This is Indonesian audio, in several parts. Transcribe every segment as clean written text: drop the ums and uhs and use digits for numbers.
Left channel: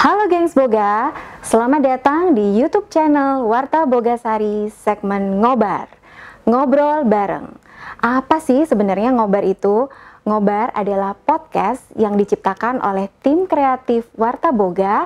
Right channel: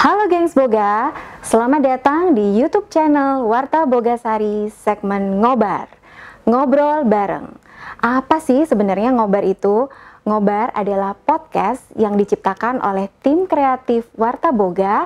Halo gengs Boga, selamat datang di YouTube channel Warta Bogasari segmen Ngobar, Ngobrol Bareng. Apa sih sebenarnya Ngobar itu? Ngobar adalah podcast yang diciptakan oleh tim kreatif Warta Boga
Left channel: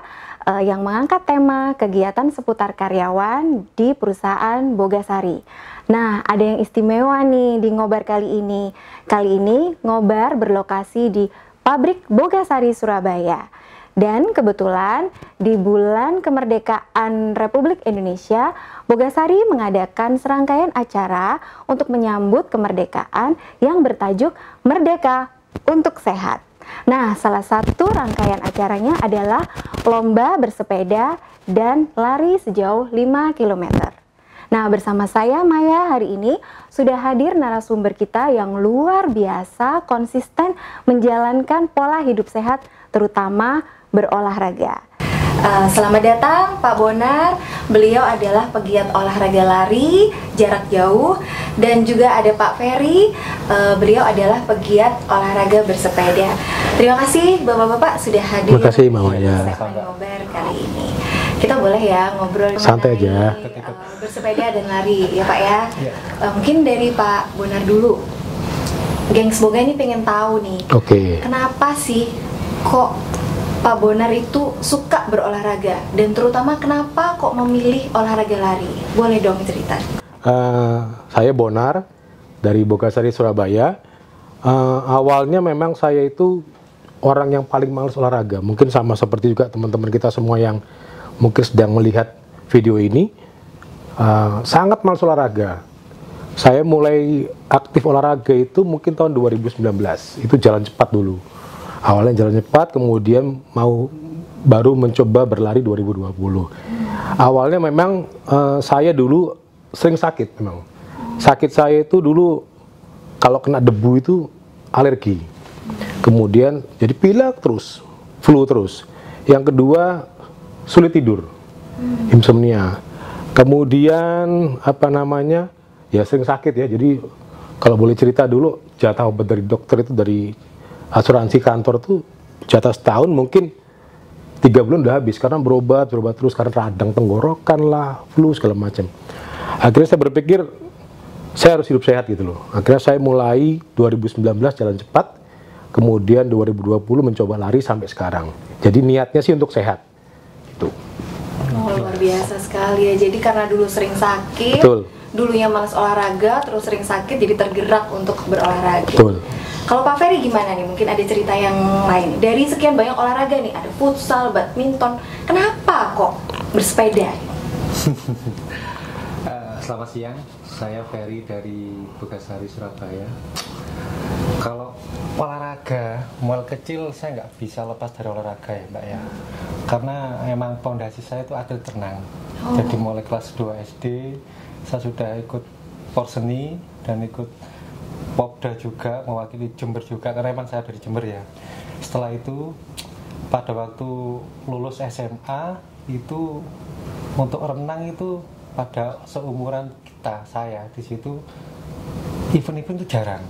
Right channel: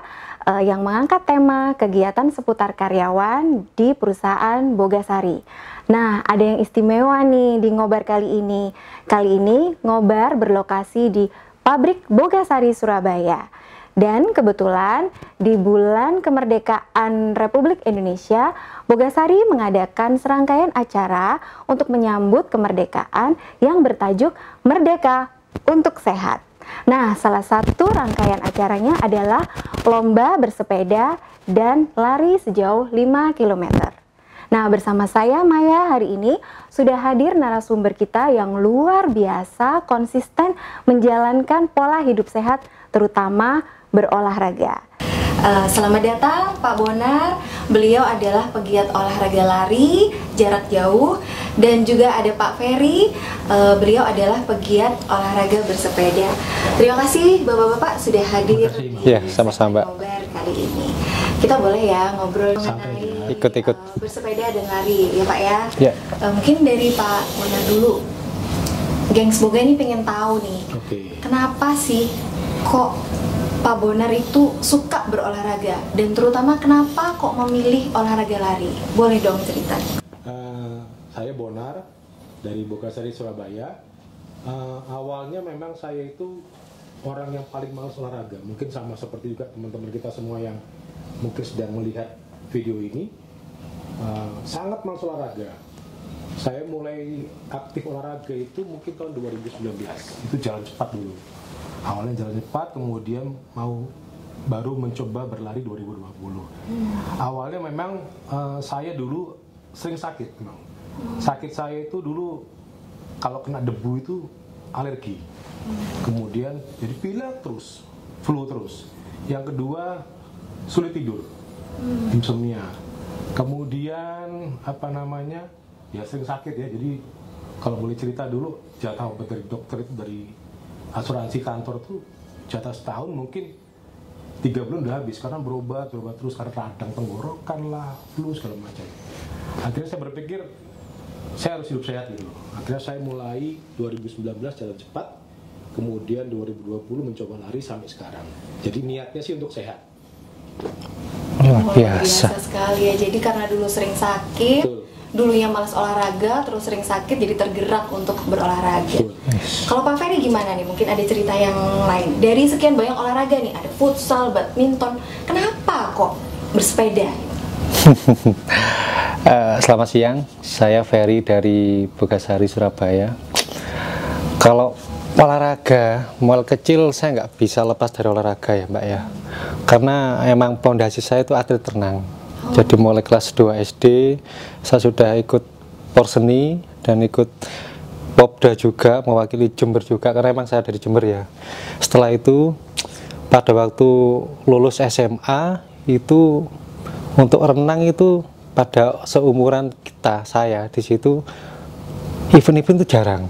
yang mengangkat tema kegiatan seputar karyawan di perusahaan Bogasari. Nah, ada yang istimewa nih di Ngobar kali ini. Kali ini Ngobar berlokasi di pabrik Bogasari Surabaya. Dan kebetulan di bulan kemerdekaan Republik Indonesia, Bogasari mengadakan serangkaian acara untuk menyambut kemerdekaan yang bertajuk Merdeka untuk Sehat. Nah, salah satu rangkaian acaranya adalah lomba bersepeda dan lari sejauh 5 km. Nah, bersama saya Maya hari ini sudah hadir narasumber kita yang luar biasa konsisten menjalankan pola hidup sehat terutama berolahraga. Selamat datang Pak Bonar. Beliau adalah pegiat olahraga lari jarak jauh, dan juga ada Pak Ferry. Beliau adalah pegiat olahraga bersepeda. Terima kasih Bapak-bapak sudah hadir. Terima kasih Mawar. Ya, sama-sama. Kali ini kita boleh ya ngobrol santai aja. Ikut-ikut bersepeda dan lari ya Pak ya. Ya. Mungkin dari Pak Bonar dulu. Gengs Boga ini pengen tahu nih. Oke. Kenapa sih kok Pak Bonar itu suka berolahraga, dan terutama kenapa kok memilih olahraga lari? Boleh dong cerita. Saya Bonar dari Bogasari Surabaya. Awalnya memang saya itu orang yang paling malas olahraga. Mungkin sama seperti juga teman-teman kita semua yang mungkin sedang melihat video ini. Sangat malas olahraga. Saya mulai aktif olahraga itu mungkin tahun 2019. Itu jalan cepat dulu. Awalnya jalan cepat, kemudian baru mencoba berlari 2020. Awalnya memang saya dulu sering sakit memang. Sakit saya itu dulu kalau kena debu itu alergi. Kemudian jadi pilek terus, flu terus. Yang kedua sulit tidur, insomnia. Kemudian ya sering sakit ya. Jadi kalau boleh cerita dulu, jatah obat dari dokter itu dari asuransi kantor tuh jatah setahun mungkin 3 bulan udah habis karena berobat terus karena radang tenggorokan lah, flu segala macam. Akhirnya saya berpikir saya harus hidup sehat gitu loh. Akhirnya saya mulai 2019 jalan cepat, kemudian 2020 mencoba lari sampai sekarang. Jadi niatnya sih untuk sehat. Itu. Luar biasa sekali ya. Jadi karena dulu sering sakit, betul. Dulunya malas olahraga, terus sering sakit, jadi tergerak untuk berolahraga. Betul. Kalau Pak Ferry gimana nih? Mungkin ada cerita yang lain. Dari sekian banyak olahraga nih, ada futsal, badminton. Kenapa kok bersepeda? Selamat siang, saya Ferry dari Bogasari Surabaya. Kalau olahraga, mulai kecil saya nggak bisa lepas dari olahraga ya Mbak ya. Karena emang pondasi saya itu atlet renang. Jadi mulai kelas 2 SD saya sudah ikut porseni dan ikut popda juga, mewakili Jember juga karena emang saya dari Jember ya. Setelah itu pada waktu lulus SMA itu untuk renang itu pada seumuran saya di situ event-event itu jarang.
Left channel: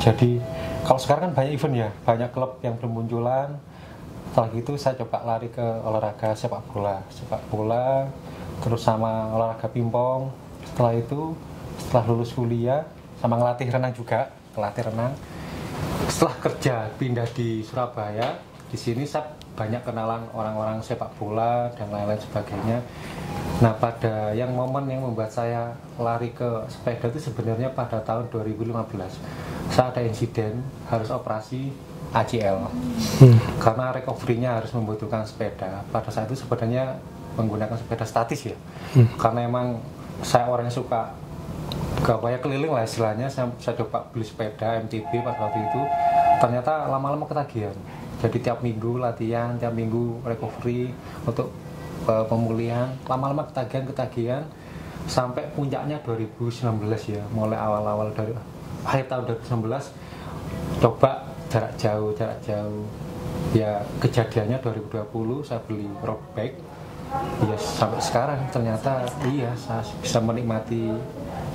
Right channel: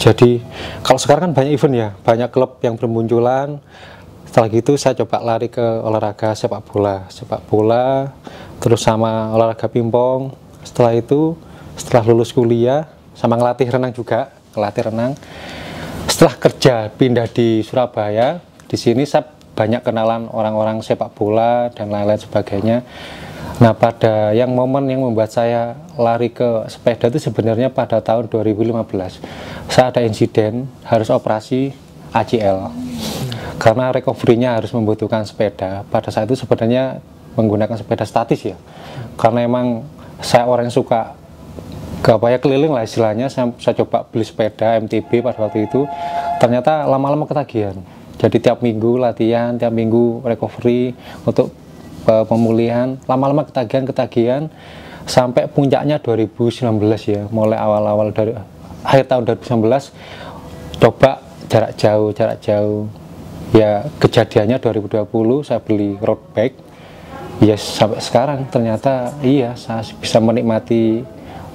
Jadi kalau sekarang kan banyak event ya, banyak klub yang bermunculan. Setelah gitu saya coba lari ke olahraga sepak bola, terus sama olahraga pingpong. Setelah itu, setelah lulus kuliah, sama ngelatih renang juga, Setelah kerja pindah di Surabaya, di sini saya banyak kenalan orang-orang sepak bola dan lain-lain sebagainya. Nah, pada momen yang membuat saya lari ke sepeda itu sebenarnya pada tahun 2015. Saya ada insiden harus operasi ACL. Karena recovery-nya harus membutuhkan sepeda. Pada saat itu sebenarnya menggunakan sepeda statis ya. Karena emang saya orang yang suka keliling lah istilahnya. Saya coba beli sepeda MTB pada waktu itu. Ternyata lama-lama ketagihan. Jadi tiap minggu latihan, tiap minggu recovery untuk pemulihan. Lama-lama ketagihan sampai puncaknya 2019 ya. Mulai awal-awal dari akhir tahun 2019 coba jarak jauh ya. Kejadiannya 2020 saya beli road bike ya, sampai sekarang ternyata iya saya bisa menikmati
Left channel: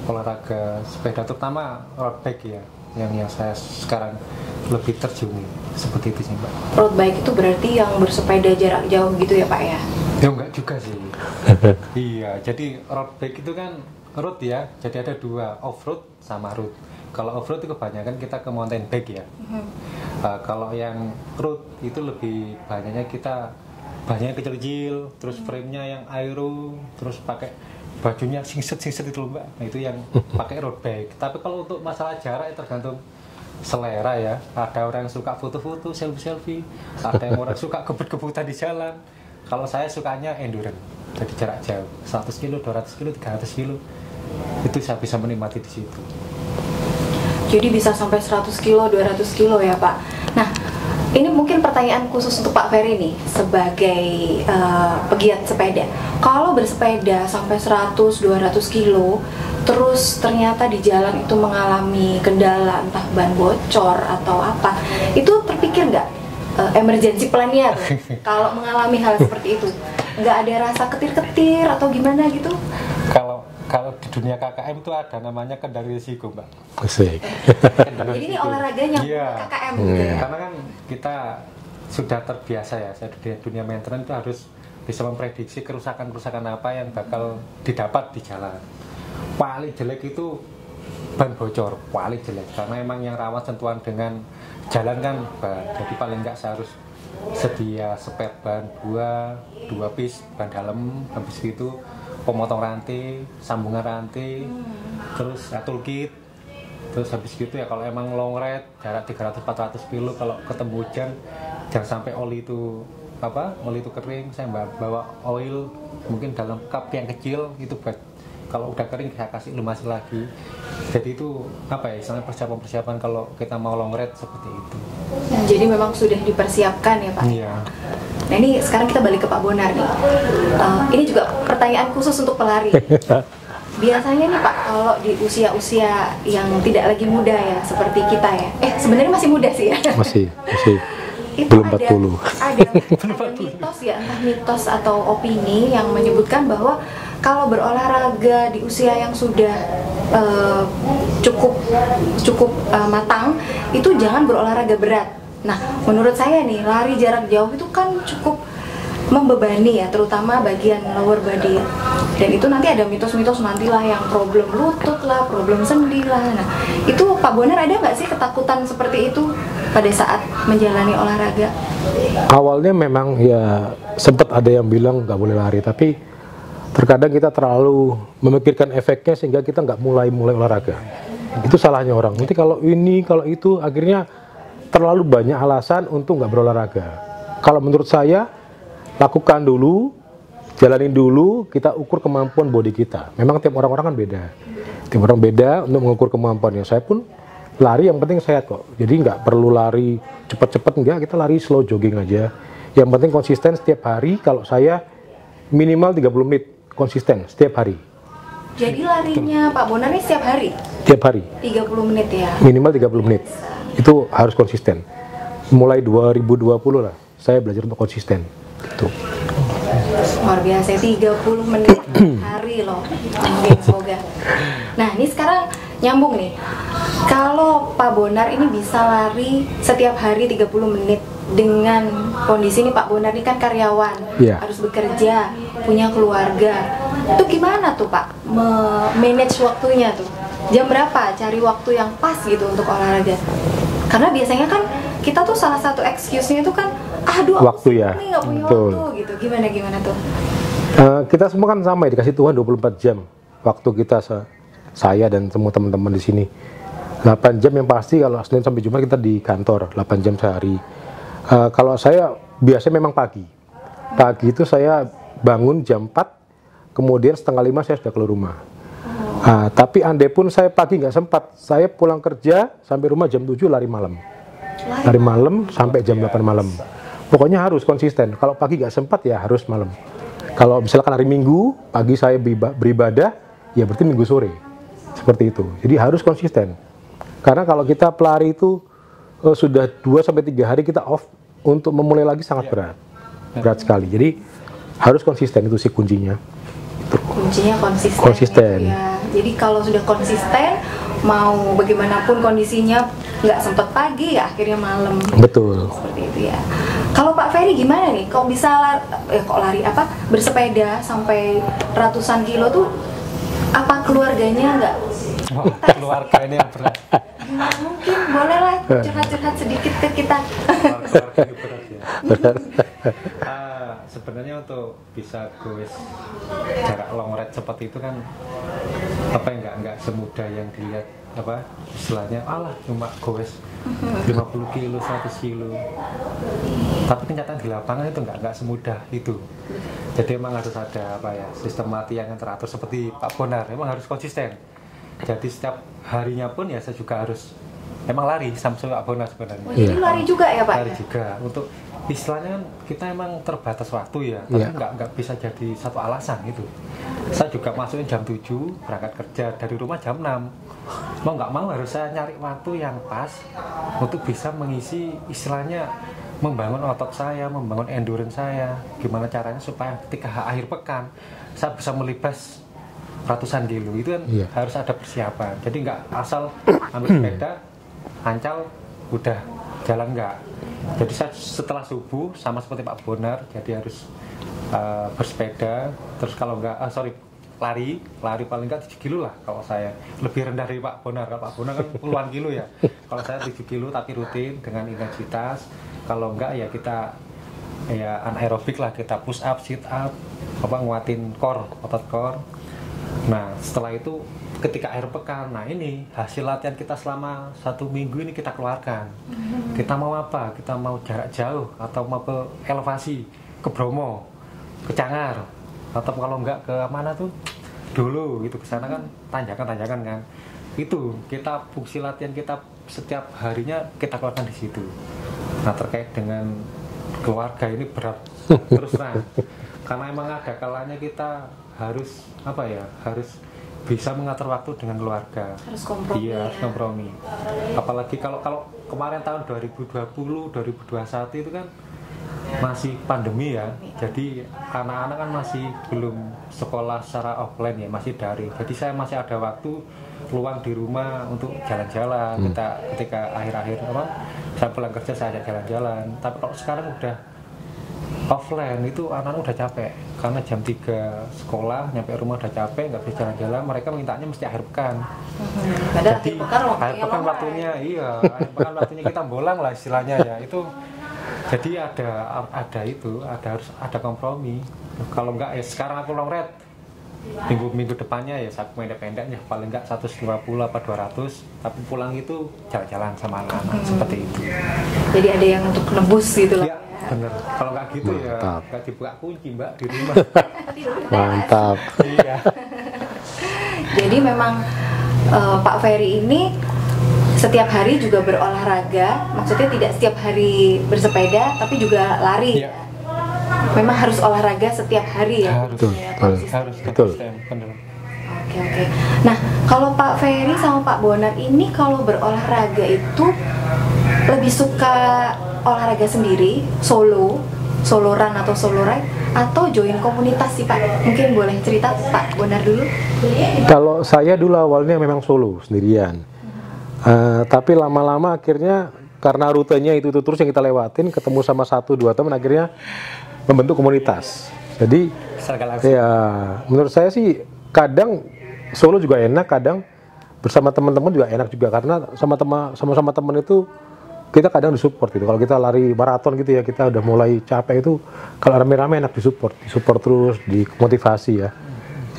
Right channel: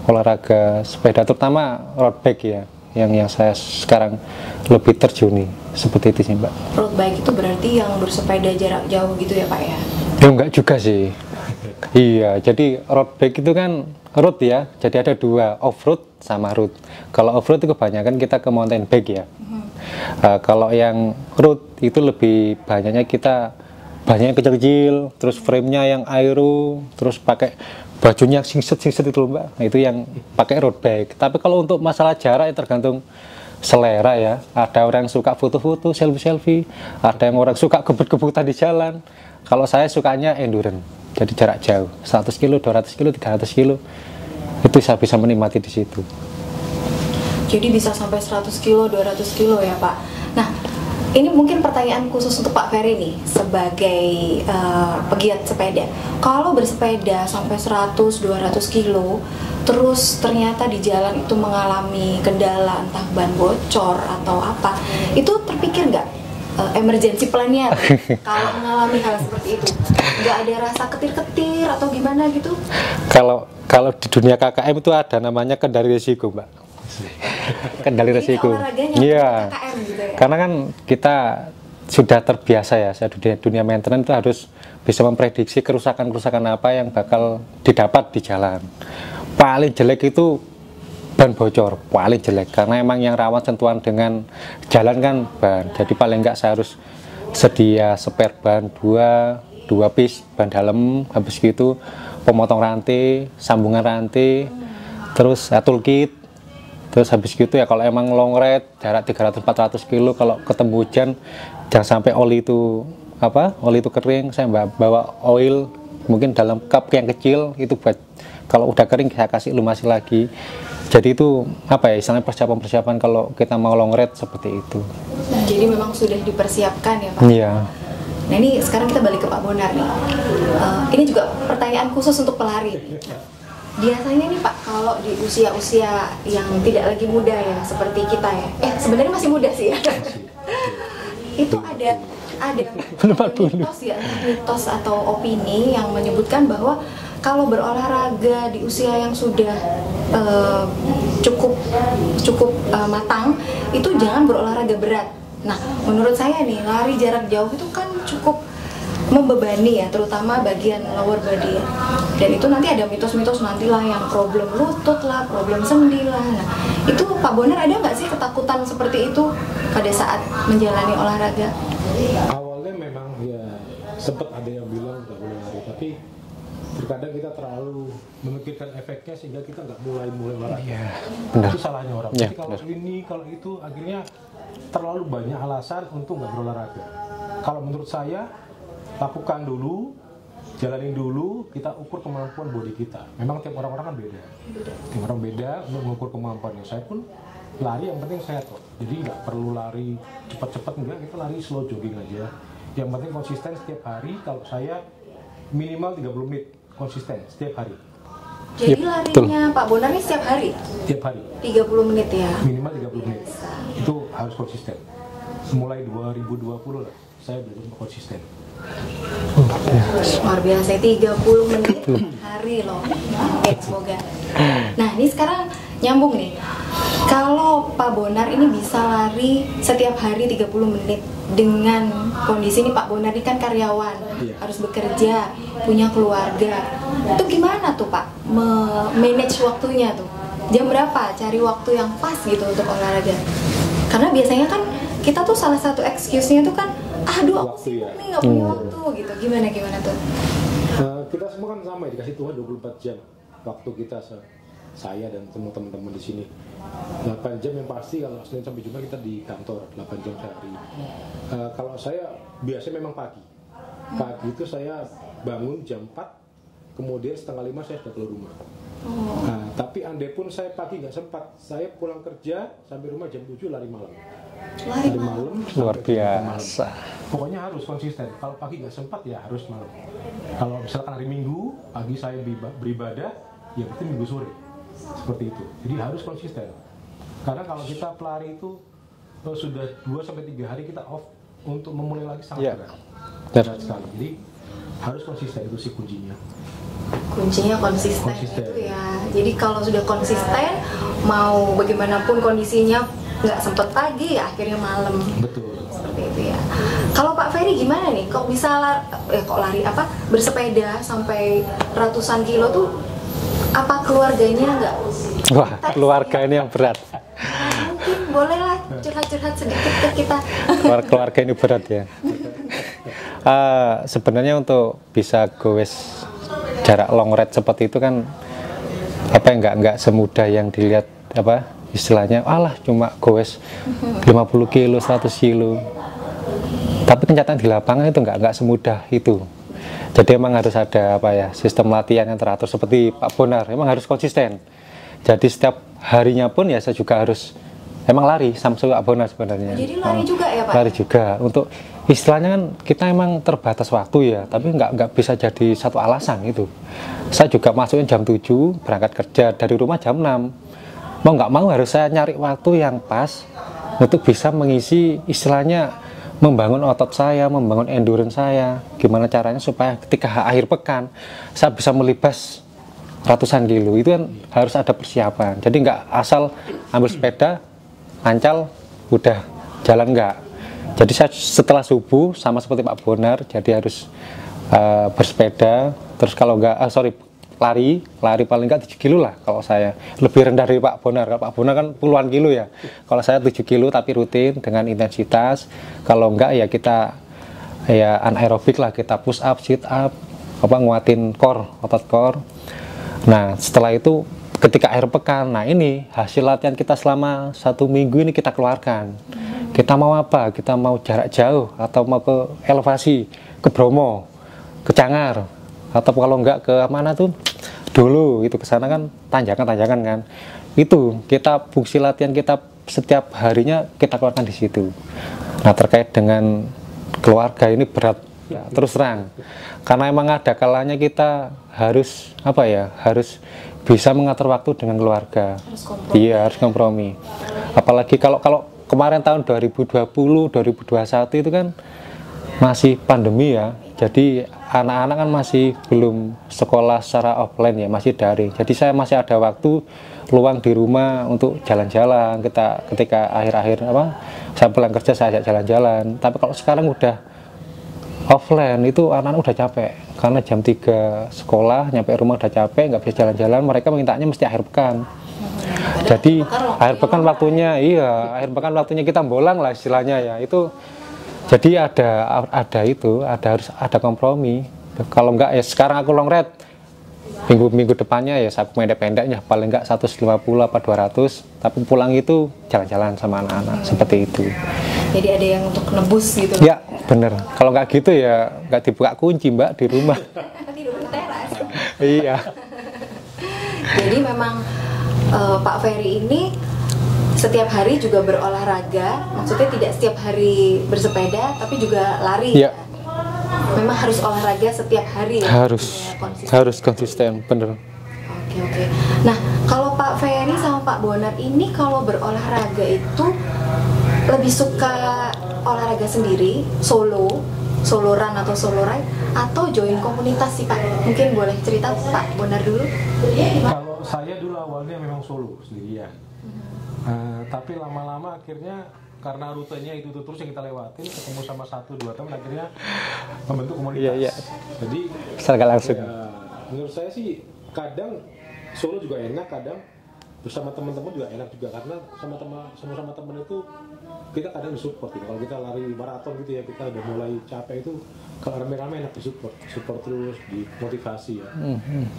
olahraga sepeda terutama road bike ya, yang saya sekarang lebih terjuni seperti itu sih Mbak. Road bike itu berarti yang bersepeda jarak jauh gitu ya Pak ya? Ya enggak juga sih. Iya, jadi road bike itu kan road ya, jadi ada dua, off-road sama road. Kalau off-road itu kebanyakan kita ke mountain bike ya. Kalau yang road itu lebih banyaknya kita banyak kecil-kecil, terus frame-nya yang aero, terus pakai bajunya singset-singset itu loh Mbak. Nah, itu yang pakai road bike. Tapi kalau untuk masalah jarak ya tergantung selera ya. Ada orang yang suka foto-foto, selfie-selfie, ada yang orang suka kebut-kebutan di jalan. Kalau saya sukanya endurance, jadi jarak jauh, 100 kilo, 200 kilo, 300 kilo. Itu saya bisa menikmati di situ. Jadi bisa sampai 100 kilo, 200 kilo ya Pak. Nah, ini mungkin pertanyaan khusus untuk Pak Ferry nih, sebagai pegiat sepeda. Kalau bersepeda sampai 100-200 kilo, terus ternyata di jalan itu mengalami kendala, entah ban bocor atau apa, itu terpikir nggak emergency plan-nya kalau mengalami hal seperti itu? Nggak ada rasa ketir-ketir atau gimana gitu? Kalau di dunia KKM itu ada namanya kendali risiko Mbak. Kendali risiko. Iya. Karena kan kita sudah terbiasa ya, saya dunia maintenance itu harus bisa memprediksi kerusakan-kerusakan apa yang bakal didapat di jalan. Paling jelek itu ban bocor, paling jelek, karena emang yang rawan sentuhan dengan jalan kan ban. Jadi paling enggak saya harus sedia spare ban dua piece ban dalam, habis gitu pemotong rantai, sambungan rantai, terus toolkit. Terus habis gitu ya kalau emang long ride jarak 300-400 kilo, kalau ketemu hujan jangan sampai oli itu kering, saya bawa oil mungkin dalam cup yang kecil itu buat kalau udah kering saya kasih lumasi lagi. Jadi itu istilahnya persiapan kalau kita mau long ride seperti itu. Nah, jadi memang sudah dipersiapkan ya Pak? Iya. Nah ini sekarang kita balik ke Pak Bonar nih. Ini juga pertanyaan khusus untuk pelari. Biasanya nih Pak, kalau di usia-usia yang tidak lagi muda ya, seperti kita ya, sebenarnya masih muda sih ya. Masih. Itu belum 40. Ada mitos ya, entah mitos atau opini yang menyebutkan bahwa kalau berolahraga di usia yang sudah cukup matang, itu jangan berolahraga berat. Nah, menurut saya nih, lari jarak jauh itu kan cukup membebani ya, terutama bagian lower body. Dan itu nanti ada mitos-mitos nantilah yang problem lutut lah, problem sendi lah. Nah, itu Pak Bonar ada nggak sih ketakutan seperti itu pada saat menjalani olahraga? Awalnya memang ya sempat ada yang bilang nggak boleh lari, tapi terkadang kita terlalu memikirkan efeknya sehingga kita nggak mulai olahraga. Itu salahnya orang. Jadi kalau ini, kalau itu, akhirnya terlalu banyak alasan untuk nggak berolahraga. Kalau menurut saya, lakukan dulu, jalanin dulu, kita ukur kemampuan body kita. Memang tiap orang-orang kan beda. Tiap orang beda untuk mengukur kemampuannya. Saya pun lari yang penting sehat kok. Jadi nggak perlu lari cepat-cepat, enggak, kita lari slow jogging aja. Yang penting konsisten setiap hari. Kalau saya minimal 30 menit konsisten setiap hari. Jadi larinya Pak Bonar ini setiap hari? Tiap hari. 30 menit ya? Minimal 30 menit. Itu harus konsisten. Mulai 2020 lah, saya belajar untuk konsisten. Gitu. Luar biasa, 30 menit hari loh. Semoga. Nah, ini sekarang nyambung nih. Kalau Pak Bonar ini bisa lari setiap hari 30 menit dengan kondisi ini, Pak Bonar ini kan karyawan, harus bekerja, punya keluarga. Itu gimana tuh Pak manage waktunya tuh? Jam berapa cari waktu yang pas gitu untuk olahraga? Karena biasanya kan kita tuh salah satu excuse-nya itu kan waktu ya. Nggak punya waktu gitu. Gimana tuh? Kita semua kan sama ya, dikasih Tuhan 24 jam waktu kita, saya dan semua teman-teman di sini. 8 jam yang pasti, kalau Senin sampai Jumat kita di kantor 8 jam sehari. Kalau saya biasanya memang pagi. Pagi itu saya bangun jam 4, kemudian setengah 5 saya sudah keluar rumah. Tapi andai pun saya pagi nggak sempat, saya pulang kerja sampai rumah jam 7 lari malam. Lari malam sampai jam 8 malam. Pokoknya harus konsisten. Kalau pagi nggak sempat ya harus malam. Kalau misalkan hari Minggu, pagi saya beribadah, ya berarti Minggu sore. Seperti itu. Jadi harus konsisten. Karena kalau kita pelari itu sudah 2-3 hari kita off, untuk memulai lagi sangat berat. Berat sekali. Jadi harus konsisten, itu sih kuncinya. Kuncinya konsisten. Ya. Jadi kalau sudah konsisten, mau bagaimanapun kondisinya, nggak sempet pagi ya akhirnya malam. Betul. Seperti itu ya. Kalau Pak Ferry gimana nih? Kok bisa bersepeda sampai ratusan kilo tuh? Apa keluarganya nggak? Wah, keluarga ini yang berat. Boleh lah curhat-curhat sedikit ke kita. Keluarga ini berat ya. Sebenarnya untuk bisa goes jarak long ride seperti itu kan nggak semudah yang dilihat istilahnya cuma goes 50 kilo 100 kilo, tapi kenyataan di lapangan itu nggak semudah itu. Jadi emang harus ada sistem latihan yang teratur seperti Pak Bonar, emang harus konsisten. Jadi setiap harinya pun ya saya juga harus emang lari sama Pak Bonar sebenarnya. Jadi lari juga ya Pak? Lari juga. Untuk istilahnya kan kita emang terbatas waktu ya, tapi nggak bisa jadi satu alasan itu. Saya juga masukin jam 7, berangkat kerja dari rumah jam 6. Mau nggak mau harus saya nyari waktu yang pas untuk bisa mengisi istilahnya membangun otot saya, membangun endurance saya. Gimana caranya supaya ketika akhir pekan saya bisa melibas ratusan kilo, itu kan harus ada persiapan. Jadi nggak asal ambil sepeda, ancal, udah jalan nggak. Jadi saya setelah subuh sama seperti Pak Bonar, jadi harus bersepeda, terus kalau nggak, lari paling nggak 7 kilo lah kalau saya. Lebih rendah dari Pak Bonar. Kalau Pak Bonar kan puluhan kilo ya. Kalau saya 7 kilo tapi rutin dengan intensitas. Kalau enggak ya kita anaerobik lah, kita push up, sit up, nguatin otot core. Nah setelah itu ketika akhir pekan, nah ini hasil latihan kita selama 1 minggu ini kita keluarkan. Kita mau apa? Kita mau jarak jauh atau mau ke elevasi, ke Bromo, ke Cangar, atau kalau enggak ke mana tuh dulu itu kesana kan tanjakan kan. Itu kita fungsi latihan kita setiap harinya kita keluarkan di situ. Nah terkait dengan keluarga ini berat terus terang, karena emang ada kalanya kita harus harus bisa mengatur waktu dengan keluarga. Harus kompromi. Apalagi kalau kemarin tahun 2020 2021 itu kan masih pandemi ya, jadi anak-anak kan masih belum sekolah secara offline ya, masih daring. Jadi saya masih ada waktu luang di rumah untuk jalan-jalan. Ketika akhir-akhir saya pulang kerja saya ajak jalan-jalan. Tapi kalau sekarang udah offline itu anak-anak udah capek, karena jam 3 sekolah nyampe rumah udah capek, nggak bisa jalan-jalan. Mereka mintanya mesti akhir pekan. Jadi akhir pekan waktunya akhir pekan waktunya kita bolang lah istilahnya ya. Itu jadi harus ada kompromi. Kalau enggak ya sekarang aku long ride, minggu depannya ya saya pendek-pendeknya paling enggak 150 apa 200, tapi pulang itu jalan-jalan sama anak-anak seperti itu. Jadi ada yang untuk nebus gitu. Ya bener. Kalau enggak gitu ya enggak dibuka kunci Mbak di rumah. Mantap. Iya. Jadi memang Pak Ferry ini setiap hari juga berolahraga, maksudnya tidak setiap hari bersepeda, tapi juga lari. Ya. Memang harus olahraga setiap hari ya. Harus konsisten, bener. Oke. Nah, kalau Pak Ferry sama Pak Bonar ini kalau berolahraga itu lebih suka olahraga sendiri, solo run atau solo ride, atau join komunitas sih Pak? Mungkin boleh cerita Pak Bonar dulu. Kalau saya dulu awalnya memang solo sendirian. Tapi lama-lama akhirnya karena rutenya itu terus yang kita lewatin, ketemu sama 1-2 teman, akhirnya membentuk komunitas. Jadi ya menurut saya sih kadang solo juga enak, kadang bersama teman-teman juga enak juga, karena sama-sama teman itu kita kadang disupport gitu. Kalau kita lari maraton gitu ya, kita udah mulai capek itu, kalau rame-rame enak disupport terus, dimotivasi ya.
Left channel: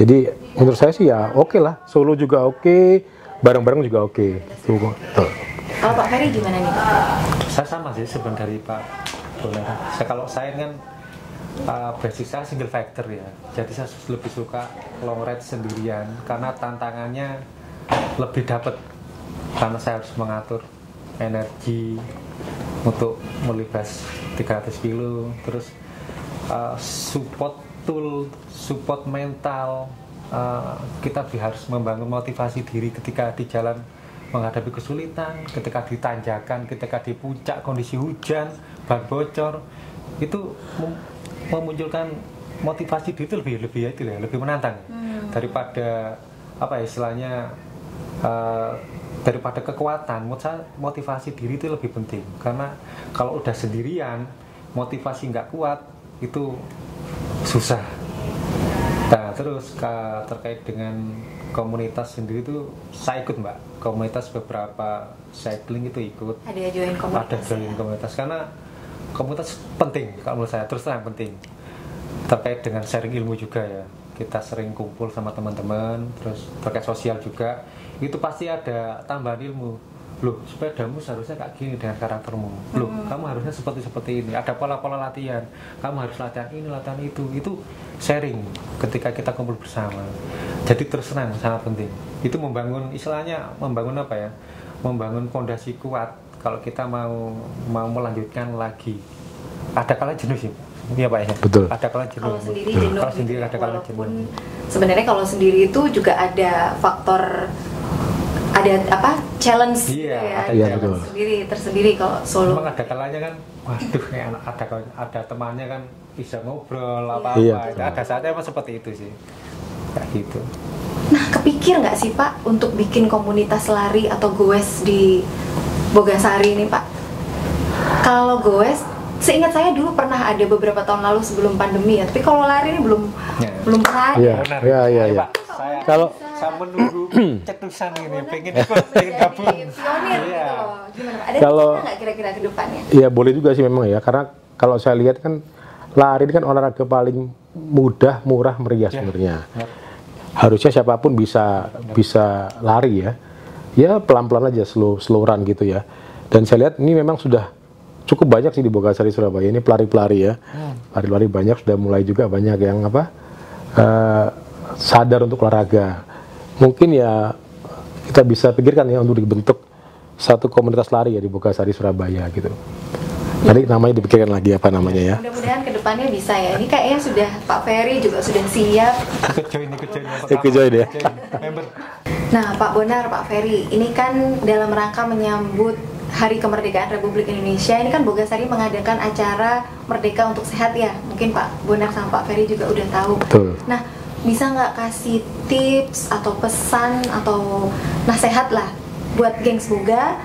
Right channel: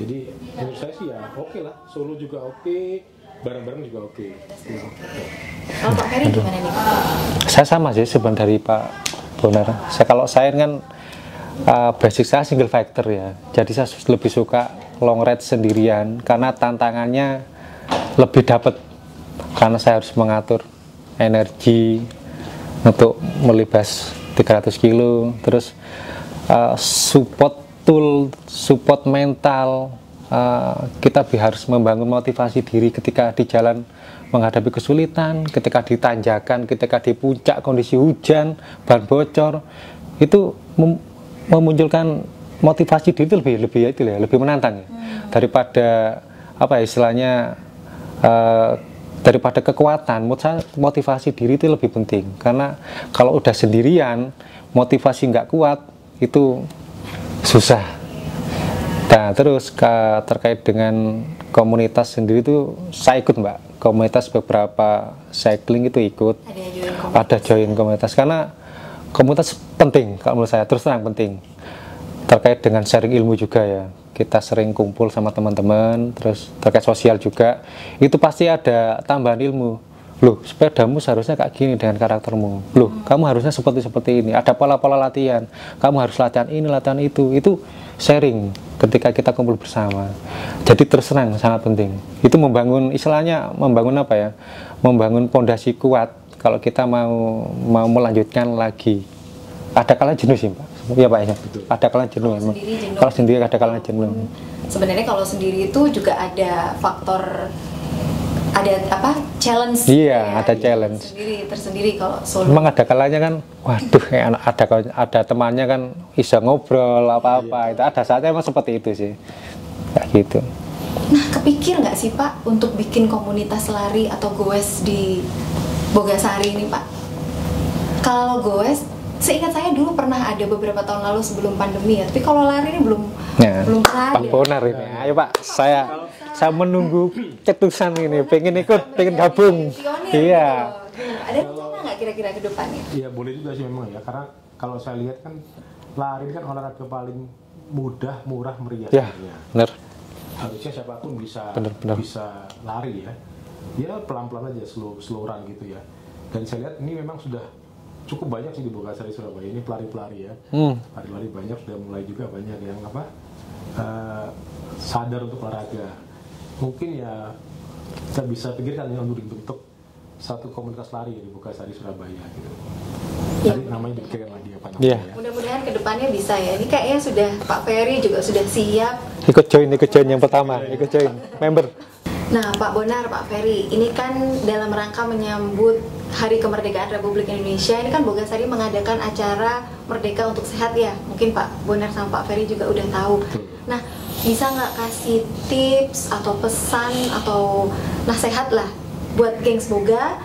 Jadi menurut saya sih ya oke lah, solo juga oke, bareng-bareng juga oke. Kalau Pak Ferry gimana nih Pak? Saya sama sih sebenarnya dari Pak Bonar. Kalau saya kan basic saya single factor ya. Jadi saya lebih suka long ride sendirian karena tantangannya lebih dapat. Karena saya harus mengatur energi untuk melibas 300 kilo, terus support tool, support mental. Kita harus membangun motivasi diri ketika di jalan menghadapi kesulitan, ketika di tanjakan, ketika di puncak kondisi hujan, ban bocor, itu memunculkan motivasi diri itu lebih menantang ya. Daripada istilahnya daripada kekuatan, menurut saya motivasi diri itu lebih penting. Karena kalau udah sendirian, motivasi nggak kuat, itu susah. Nah, terus terkait dengan komunitas sendiri itu, saya ikut Mbak. Komunitas beberapa cycling itu ikut. Ada join komunitas. Karena komunitas penting, kalau menurut saya, terus terang penting. Terkait dengan sharing ilmu juga ya. Kita sering kumpul sama teman-teman, terus terkait sosial juga, itu pasti ada tambahan ilmu. Loh, sepedamu seharusnya kayak gini dengan karaktermu. Loh, kamu harusnya seperti ini. Ada pola-pola latihan. Kamu harus latihan ini, latihan itu. Itu sharing ketika kita kumpul bersama. Jadi terus terang sangat penting. Itu membangun, istilahnya membangun apa ya? Membangun pondasi kuat kalau kita mau melanjutkan lagi. Ada kala jenuh sih, Pak. Iya Pak ya. Betul. Ada kalanya jenuh. Kalau sendiri ada kalanya jenuh. Sebenarnya kalau sendiri itu juga ada faktor, ada apa, challenge. Iya, ya? ada challenge. Tersendiri kalau solo. Memang ada kalanya kan, waduh, ada temannya kan bisa ngobrol apa-apa. Iya. Itu ada saatnya emang seperti itu sih. Kayak gitu. Nah, kepikir nggak sih Pak untuk bikin komunitas lari atau goes di Bogasari ini Pak? Kalau goes, seingat saya dulu pernah ada beberapa tahun lalu sebelum pandemi ya, tapi kalau lari ini belum pernah. Iya. Benar. Iya, iya, Ayo iya. Pak, saya menunggu cetusan ini, pengen gabung. Iya. Ada Kalau- nggak kira-kira ke depannya? Iya boleh juga sih memang ya, karena kalau saya lihat kan lari ini kan olahraga paling mudah, murah, meriah Ya, sebenarnya. benar. Harusnya siapapun bisa Benar. bisa lari ya. Ya pelan-pelan aja, slow run gitu ya. Dan saya lihat ini memang sudah cukup banyak sih di Bogasari Surabaya ini pelari-pelari ya. Pelari-pelari banyak, sudah mulai juga banyak yang sadar untuk olahraga. Mungkin ya kita bisa pikirkan ya untuk dibentuk satu komunitas lari ya di Bogasari Surabaya gitu. Nanti namanya dipikirkan lagi apa namanya ya. Mudah-mudahan ke depannya bisa ya. Ini kayaknya sudah Pak Ferry juga sudah siap. Ikut join yang pertama. Ikut join ya. Ikut join, member. Nah, Pak Bonar, Pak Ferry, ini kan dalam rangka menyambut Hari Kemerdekaan Republik Indonesia, ini kan Bogasari mengadakan acara Merdeka untuk Sehat ya. Mungkin Pak Bonar sama Pak Ferry juga udah tahu. Betul. Nah, bisa nggak kasih tips atau pesan atau nasihat lah buat gengs Boga,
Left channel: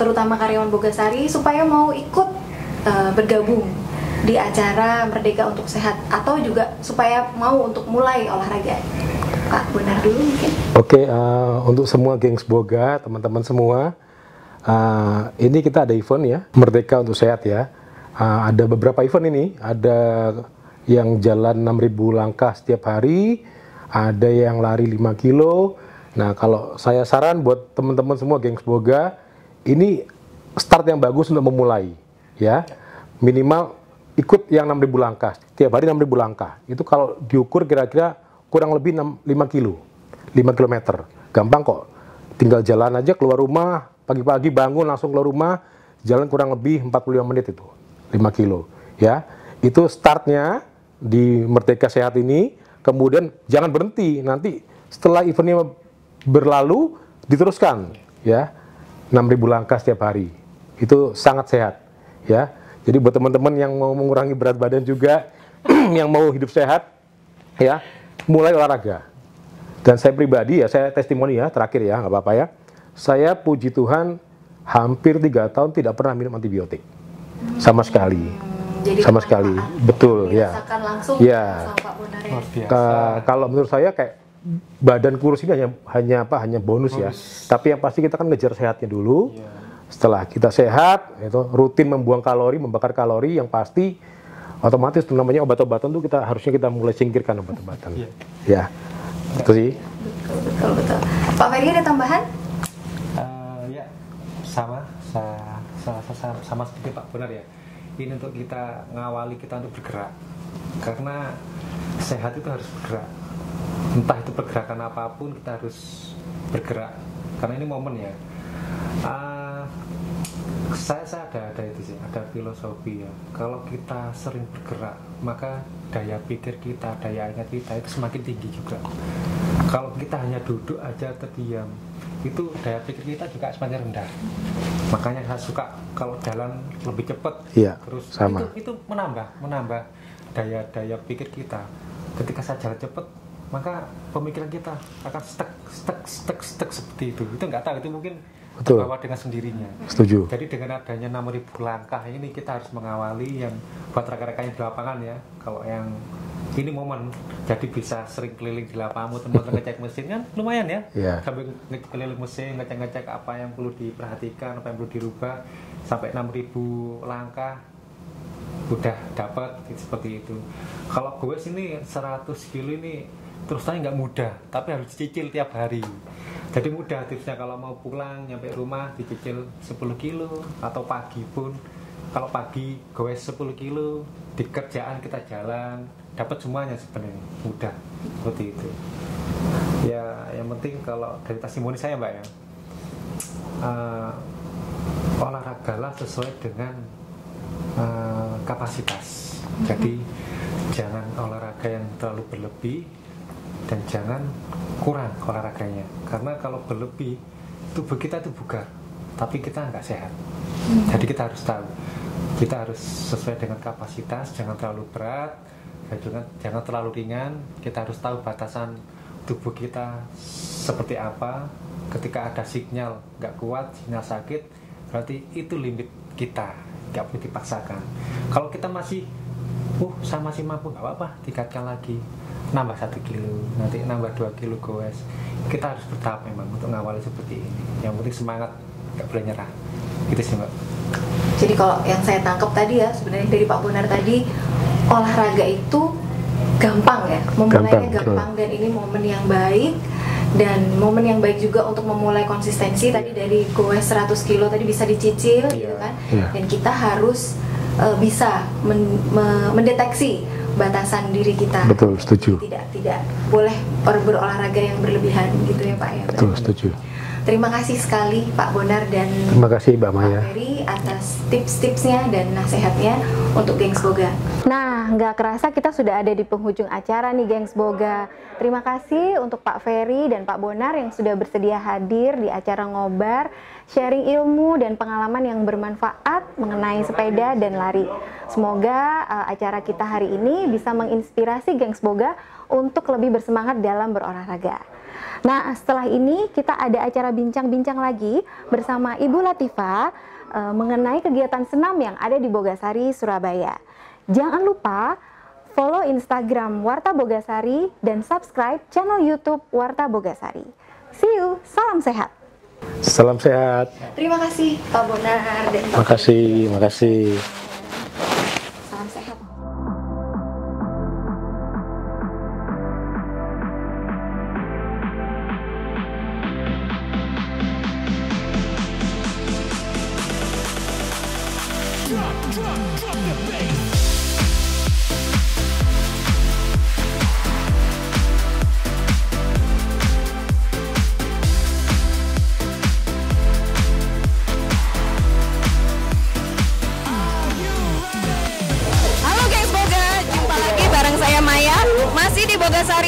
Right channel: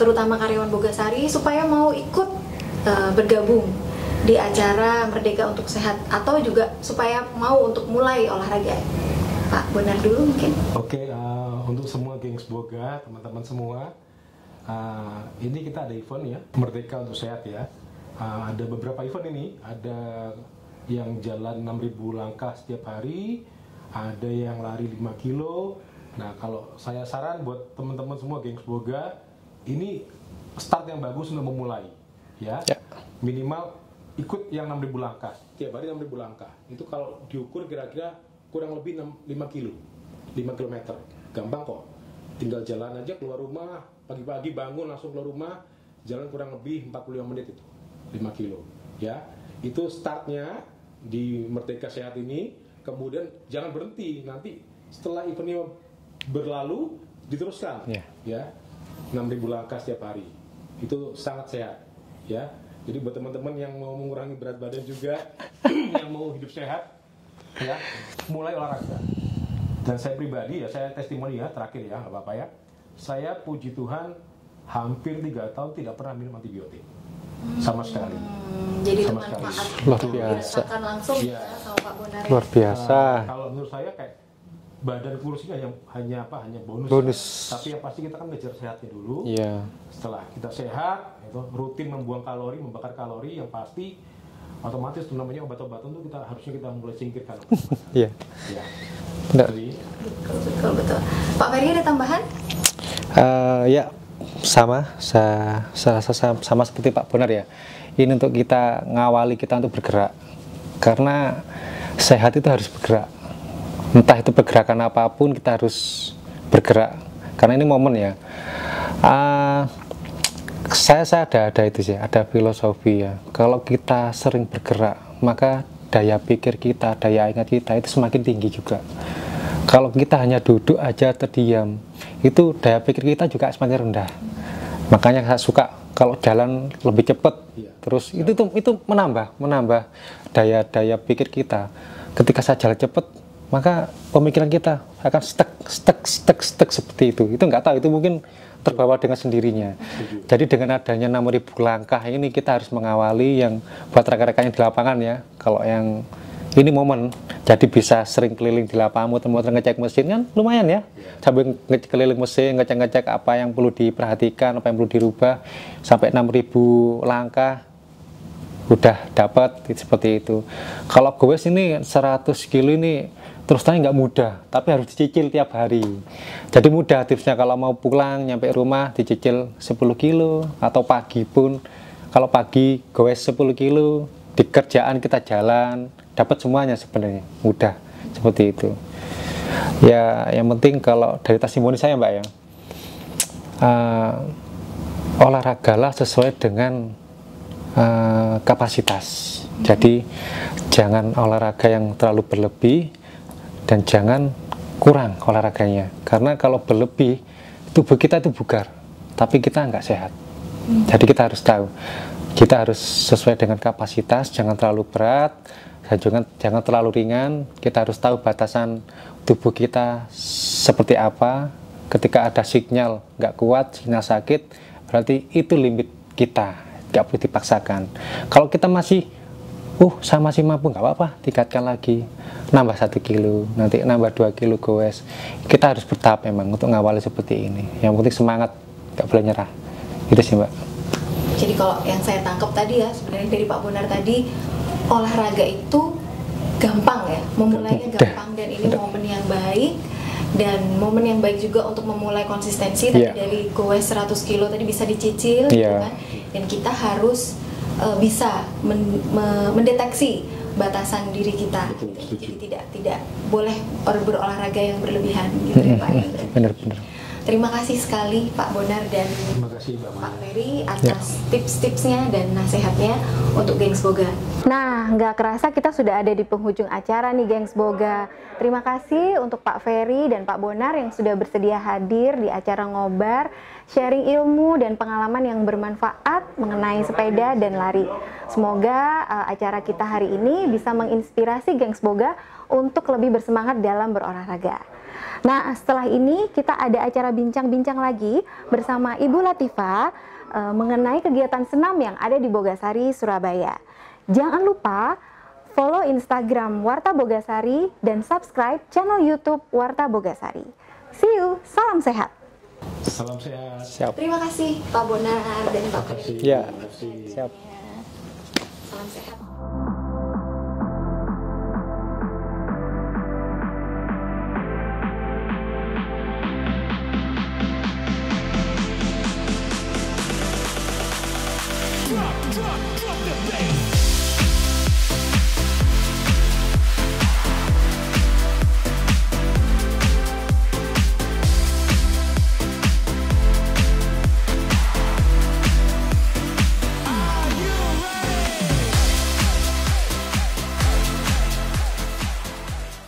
terutama karyawan Bogasari, supaya mau ikut bergabung di acara Merdeka untuk Sehat, atau juga supaya mau untuk mulai olahraga. Pak Bonar dulu mungkin. Oke, untuk semua gengs Boga, teman-teman semua, ini kita ada event ya, Merdeka untuk Sehat ya. Ada beberapa event ini, ada yang jalan 6.000 langkah setiap hari, ada yang lari 5 kilo. Nah, kalau saya saran buat teman-teman semua gengs Boga, ini start yang bagus untuk memulai ya. Minimal ikut yang 6.000 langkah, setiap hari 6.000 langkah. Itu kalau diukur kira-kira kurang lebih 5 kilometer. Gampang kok. Tinggal jalan aja keluar rumah, pagi-pagi bangun langsung keluar rumah, jalan kurang lebih 45 menit itu. 5 kilo. Ya. Itu startnya di Merdeka Sehat ini, kemudian jangan berhenti. Nanti setelah eventnya berlalu, diteruskan. Ya. 6.000 langkah setiap hari. Itu sangat sehat. Ya. Jadi buat teman-teman yang mau mengurangi berat badan juga, yang mau hidup sehat, ya, mulai olahraga. Dan saya pribadi ya, saya testimoni ya, terakhir ya, nggak apa-apa ya. Saya puji Tuhan hampir 3 tahun tidak pernah minum antibiotik sama sekali. Jadi Sama sekali, betul ya. Makan langsung Ya. sama Pak Bonar ya. Luar biasa. Kalau menurut saya kayak badan kurus ini hanya bonus ya. Tapi yang pasti kita kan ngejar sehatnya dulu. Iya. Setelah kita sehat, itu rutin membuang kalori, membakar kalori, yang pasti otomatis itu namanya obat-obatan tuh harusnya kita mulai singkirkan obat-obatan. Iya. Ya. Itu sih. Betul. Pak Ferry ada tambahan? Ya sama, saya rasa sama seperti Pak Bonar ya. Ini untuk kita ngawali kita untuk bergerak, karena sehat itu harus bergerak. Entah itu pergerakan apapun kita harus bergerak, karena ini momen ya. Saya ada itu sih, ada filosofi ya. Kalau kita sering bergerak, maka daya pikir kita, daya ingat kita itu semakin tinggi juga. Kalau kita hanya duduk aja terdiam, itu daya pikir kita juga semakin rendah. Makanya saya suka kalau jalan lebih cepat, Iya, terus sama. itu menambah daya pikir kita. Ketika saya jalan cepat, maka pemikiran kita akan stuck seperti itu. Itu nggak tahu, itu mungkin terbawa dengan sendirinya. Setuju. Jadi dengan adanya 6.000 langkah ini kita harus mengawali yang buat rekan-rekan yang di lapangan ya. Kalau yang ini momen, jadi bisa sering keliling di lapangan, muter-muter ngecek mesin kan lumayan ya. Yeah. Sambil keliling mesin, ngecek-ngecek apa yang perlu diperhatikan, apa yang perlu dirubah, sampai 6.000 langkah udah dapat seperti itu. Kalau goes ini 100 kilo ini terus terang nggak mudah, tapi harus dicicil tiap hari. Jadi mudah tipsnya kalau mau pulang nyampe rumah dicicil 10 kilo atau pagi pun. Kalau pagi goes 10 kilo, di kerjaan kita jalan dapat semuanya sebenarnya, mudah seperti itu. Ya yang penting kalau dari testimoni saya Mbak ya, olahragalah sesuai dengan kapasitas. Jadi jangan olahraga yang terlalu berlebih dan jangan kurang olahraganya, karena kalau berlebih tubuh kita itu bugar tapi kita nggak sehat. Jadi kita harus tahu, kita harus sesuai dengan kapasitas, jangan terlalu berat dan jangan terlalu ringan. Kita harus tahu batasan tubuh kita seperti apa. Ketika ada sinyal nggak kuat, sinyal sakit, berarti itu limit kita, nggak boleh dipaksakan. Kalau kita masih saya masih mampu, nggak apa-apa, tingkatkan lagi, nambah 1 kilo, nanti nambah 2 kilo goes. Kita harus bertahap memang untuk ngawali seperti ini. Yang penting semangat, nggak boleh nyerah. Itu sih Mbak. Jadi kalau yang saya tangkap tadi ya, sebenarnya dari Pak Bonar tadi, olahraga itu gampang ya, memulainya gampang, dan ini momen yang baik, dan momen yang baik juga untuk memulai konsistensi. Tadi dari goes 100 kilo tadi bisa dicicil gitu kan, dan kita harus bisa mendeteksi batasan diri kita. Betul, setuju. Tidak boleh berolahraga yang berlebihan gitu ya Pak. Betul, setuju. Terima kasih sekali Pak Bonar dan Terima kasih Mbak Maya Pak Ferry atas tips-tipsnya dan nasihatnya untuk Gengs Boga. Nah, nggak kerasa kita sudah ada di penghujung acara nih Gengs Boga. Terima kasih untuk Pak Ferry dan Pak Bonar yang sudah bersedia hadir di acara Ngobar, sharing ilmu dan pengalaman yang bermanfaat mengenai sepeda dan lari. Semoga acara kita hari ini bisa menginspirasi Gengs Boga untuk lebih bersemangat dalam berolahraga. Nah, setelah ini kita ada acara bincang-bincang lagi bersama Ibu Latifah mengenai kegiatan senam yang ada di Bogasari, Surabaya. Jangan lupa follow Instagram Warta Bogasari dan subscribe channel YouTube Warta Bogasari. See you, salam sehat. Salam sehat. Terima kasih Pak Bonar dan Pak Makasih, makasih. Salam sehat. Drop the bass.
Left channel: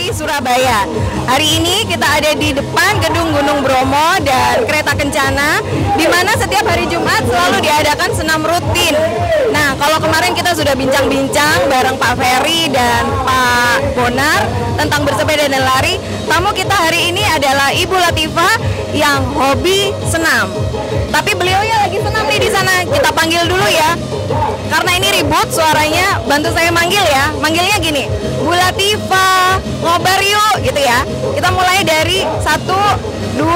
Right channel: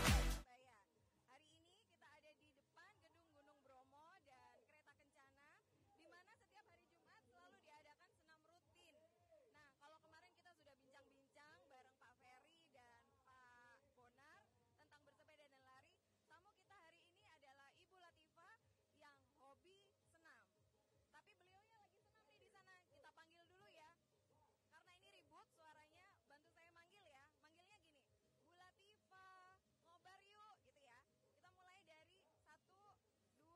Surabaya. Hari ini kita ada di depan gedung Gunung Bromo dan Kereta Kencana, di mana setiap hari Jumat selalu diadakan senam rutin. Nah, kalau kemarin kita sudah bincang-bincang bareng Pak Ferry dan Pak Bonar tentang bersepeda dan lari, tamu kita hari ini adalah Ibu Latifah yang hobi senam. Tapi beliaunya lagi senam nih di sana. Kita panggil dulu ya. Karena ini ribut suaranya, bantu saya manggil ya. Manggilnya gini, Bu Latifah, ngobar yuk gitu ya. Kita mulai dari 1, 2,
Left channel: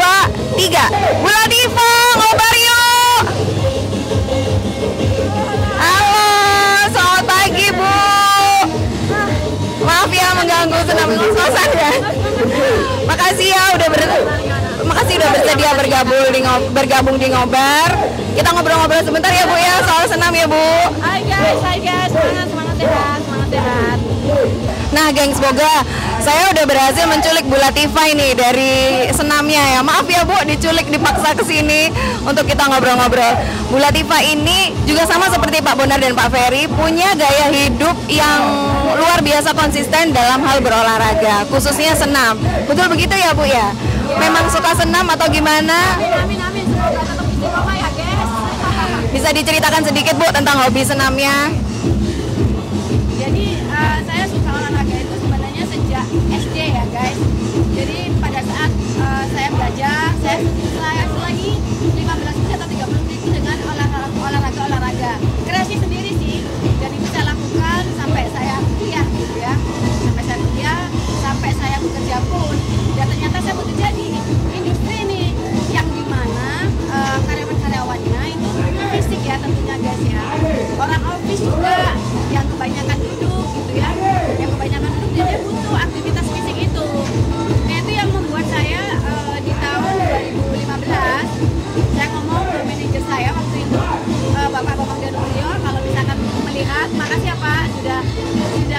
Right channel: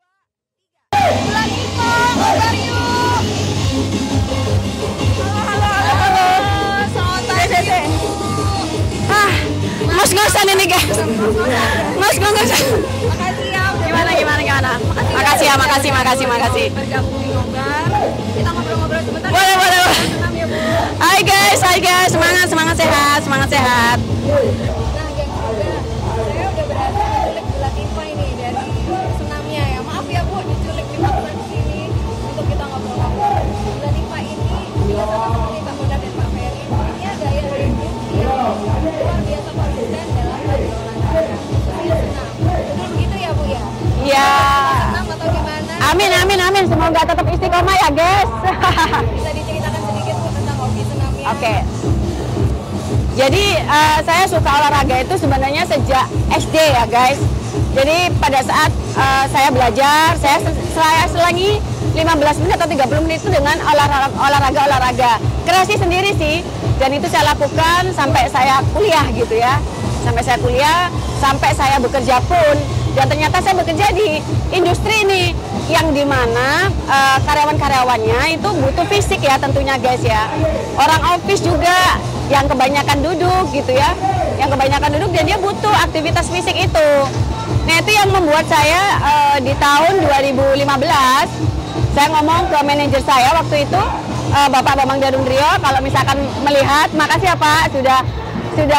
3. Bu Latifah, ngobar yuk. Halo, selamat pagi Bu. Maaf ya ini Mas, makasih ya udah gimana. Makasih udah bergabung di Ngobar. Kita ngobrol-ngobrol sebentar ya Bu ya soal senam ya Bu. Hai guys, semangat sehat. Nah, Gengs Boga, saya udah berhasil menculik Bu Latifah ini dari senamnya ya. Maaf ya Bu, diculik dipaksa ke sini untuk kita ngobrol-ngobrol. Bu Latifah ini juga sama seperti Pak Bonar dan Pak Ferry, punya gaya hidup yang luar biasa konsisten dalam hal berolahraga, khususnya senam. Betul begitu ya Bu ya? Ya. Memang suka senam atau gimana? Amin. Semoga tetap istiqomah ya guys. Bisa diceritakan sedikit Bu tentang hobi senamnya? Oke. Jadi saya suka olahraga itu sebenarnya sejak SD ya guys. Jadi pada saat saya belajar, saya selangi 15 menit atau 30 menit itu dengan olahraga. Kreasi sendiri sih, dan itu saya lakukan sampai saya kuliah gitu ya. Sampai saya kuliah, sampai saya bekerja pun. Dan ternyata saya bekerja di industri ini, yang dimana karyawan-karyawannya itu butuh fisik ya tentunya guys ya. Orang office juga yang kebanyakan duduk gitu ya. Yang kebanyakan duduk dan dia butuh aktivitas fisik itu. Nah itu yang membuat saya di tahun 2015 saya ngomong ke manajer saya waktu itu, Bapak Bambang Darundrio, kalau misalkan melihat, makasih ya Pak sudah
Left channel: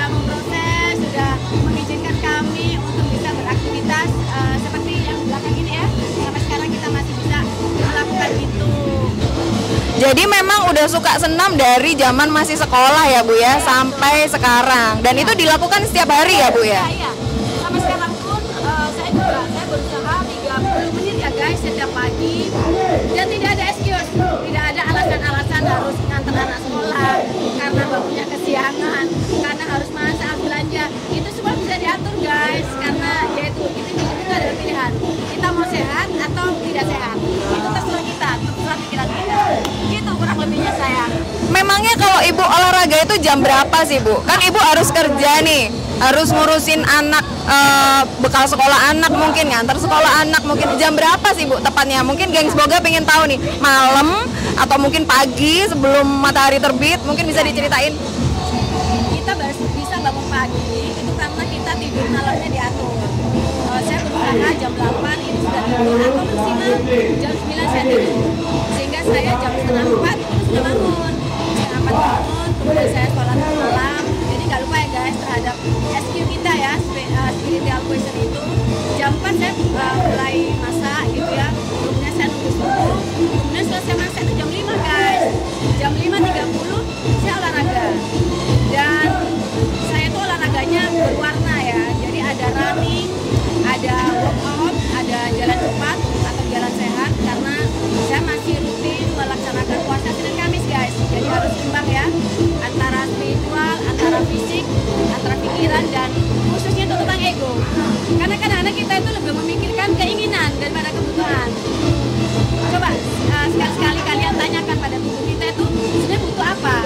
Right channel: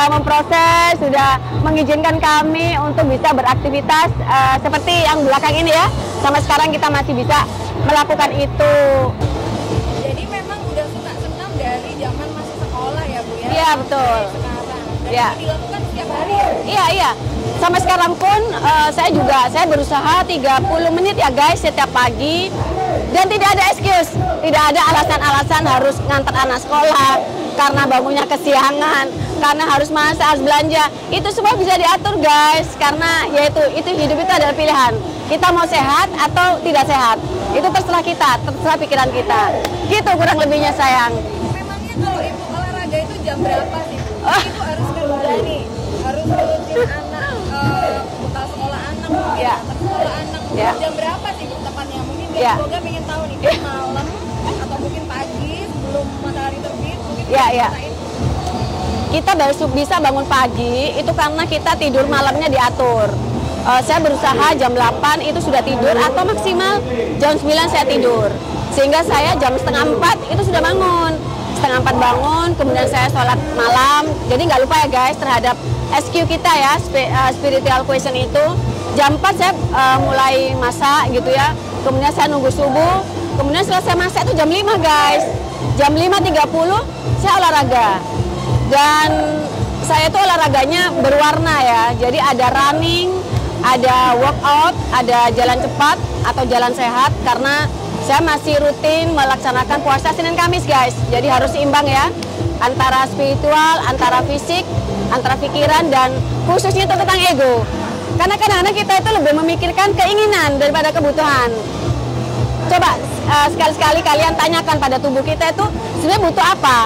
memproses, sudah mengizinkan kami untuk bisa beraktivitas seperti yang belakang ini ya. Sampai sekarang kita masih bisa melakukan itu. Jadi memang udah suka senam dari zaman masih sekolah ya Bu ya, Iya, sampai betul. sekarang. Dan Iya. itu dilakukan setiap hari ya Bu ya? Iya. Sampai sekarang pun saya berusaha 30 menit ya guys setiap pagi, dan tidak ada excuse, tidak ada alasan-alasan harus ngantar anak sekolah karena bangunnya kesiangan, karena harus masak, harus belanja. Itu semua bisa diatur guys, karena yaitu hidup itu adalah pilihan. Kita mau sehat atau tidak sehat, itu terserah kita, terserah pikiran kita. Gitu kurang lebihnya sayang. Memangnya kalau Ibu olahraga itu jam berapa sih Bu? Kan Ibu harus kerja nih, harus ngurusin anak, bekal sekolah anak mungkin, ngantar sekolah anak mungkin. Jam berapa sih Bu tepatnya? Mungkin Gengs Boga pengen tahu nih, malam atau mungkin pagi sebelum matahari terbit, mungkin bisa diceritain. Kita baru bisa bangun pagi itu karena kita tidur malamnya diatur. Saya berusaha jam 8 itu sudah tidur, atau maksimal jam 9 saya tidur, sehingga saya jam setengah 4 itu sudah bangun. Setengah 4 bangun, kemudian saya sholat malam. Jadi nggak lupa ya guys terhadap SQ kita ya, spiritual question itu. Jam 4 saya mulai masak gitu ya, kemudian saya nunggu subuh, kemudian selesai masak itu jam 5 guys. Jam 5.30 saya olahraga, dan saya tuh olahraganya berwarna ya, jadi ada running, ada workout, ada jalan cepat atau jalan sehat, karena saya masih rutin melaksanakan puasa Senin Kamis guys. Jadi harus seimbang ya, antara spiritual, antara fisik, antara pikiran, dan khususnya itu tentang ego. Karena kadang-kadang kita itu lebih memikirkan keinginan daripada kebutuhan. Coba sekali-sekali kalian tanyakan pada tubuh kita itu sebenarnya butuh apa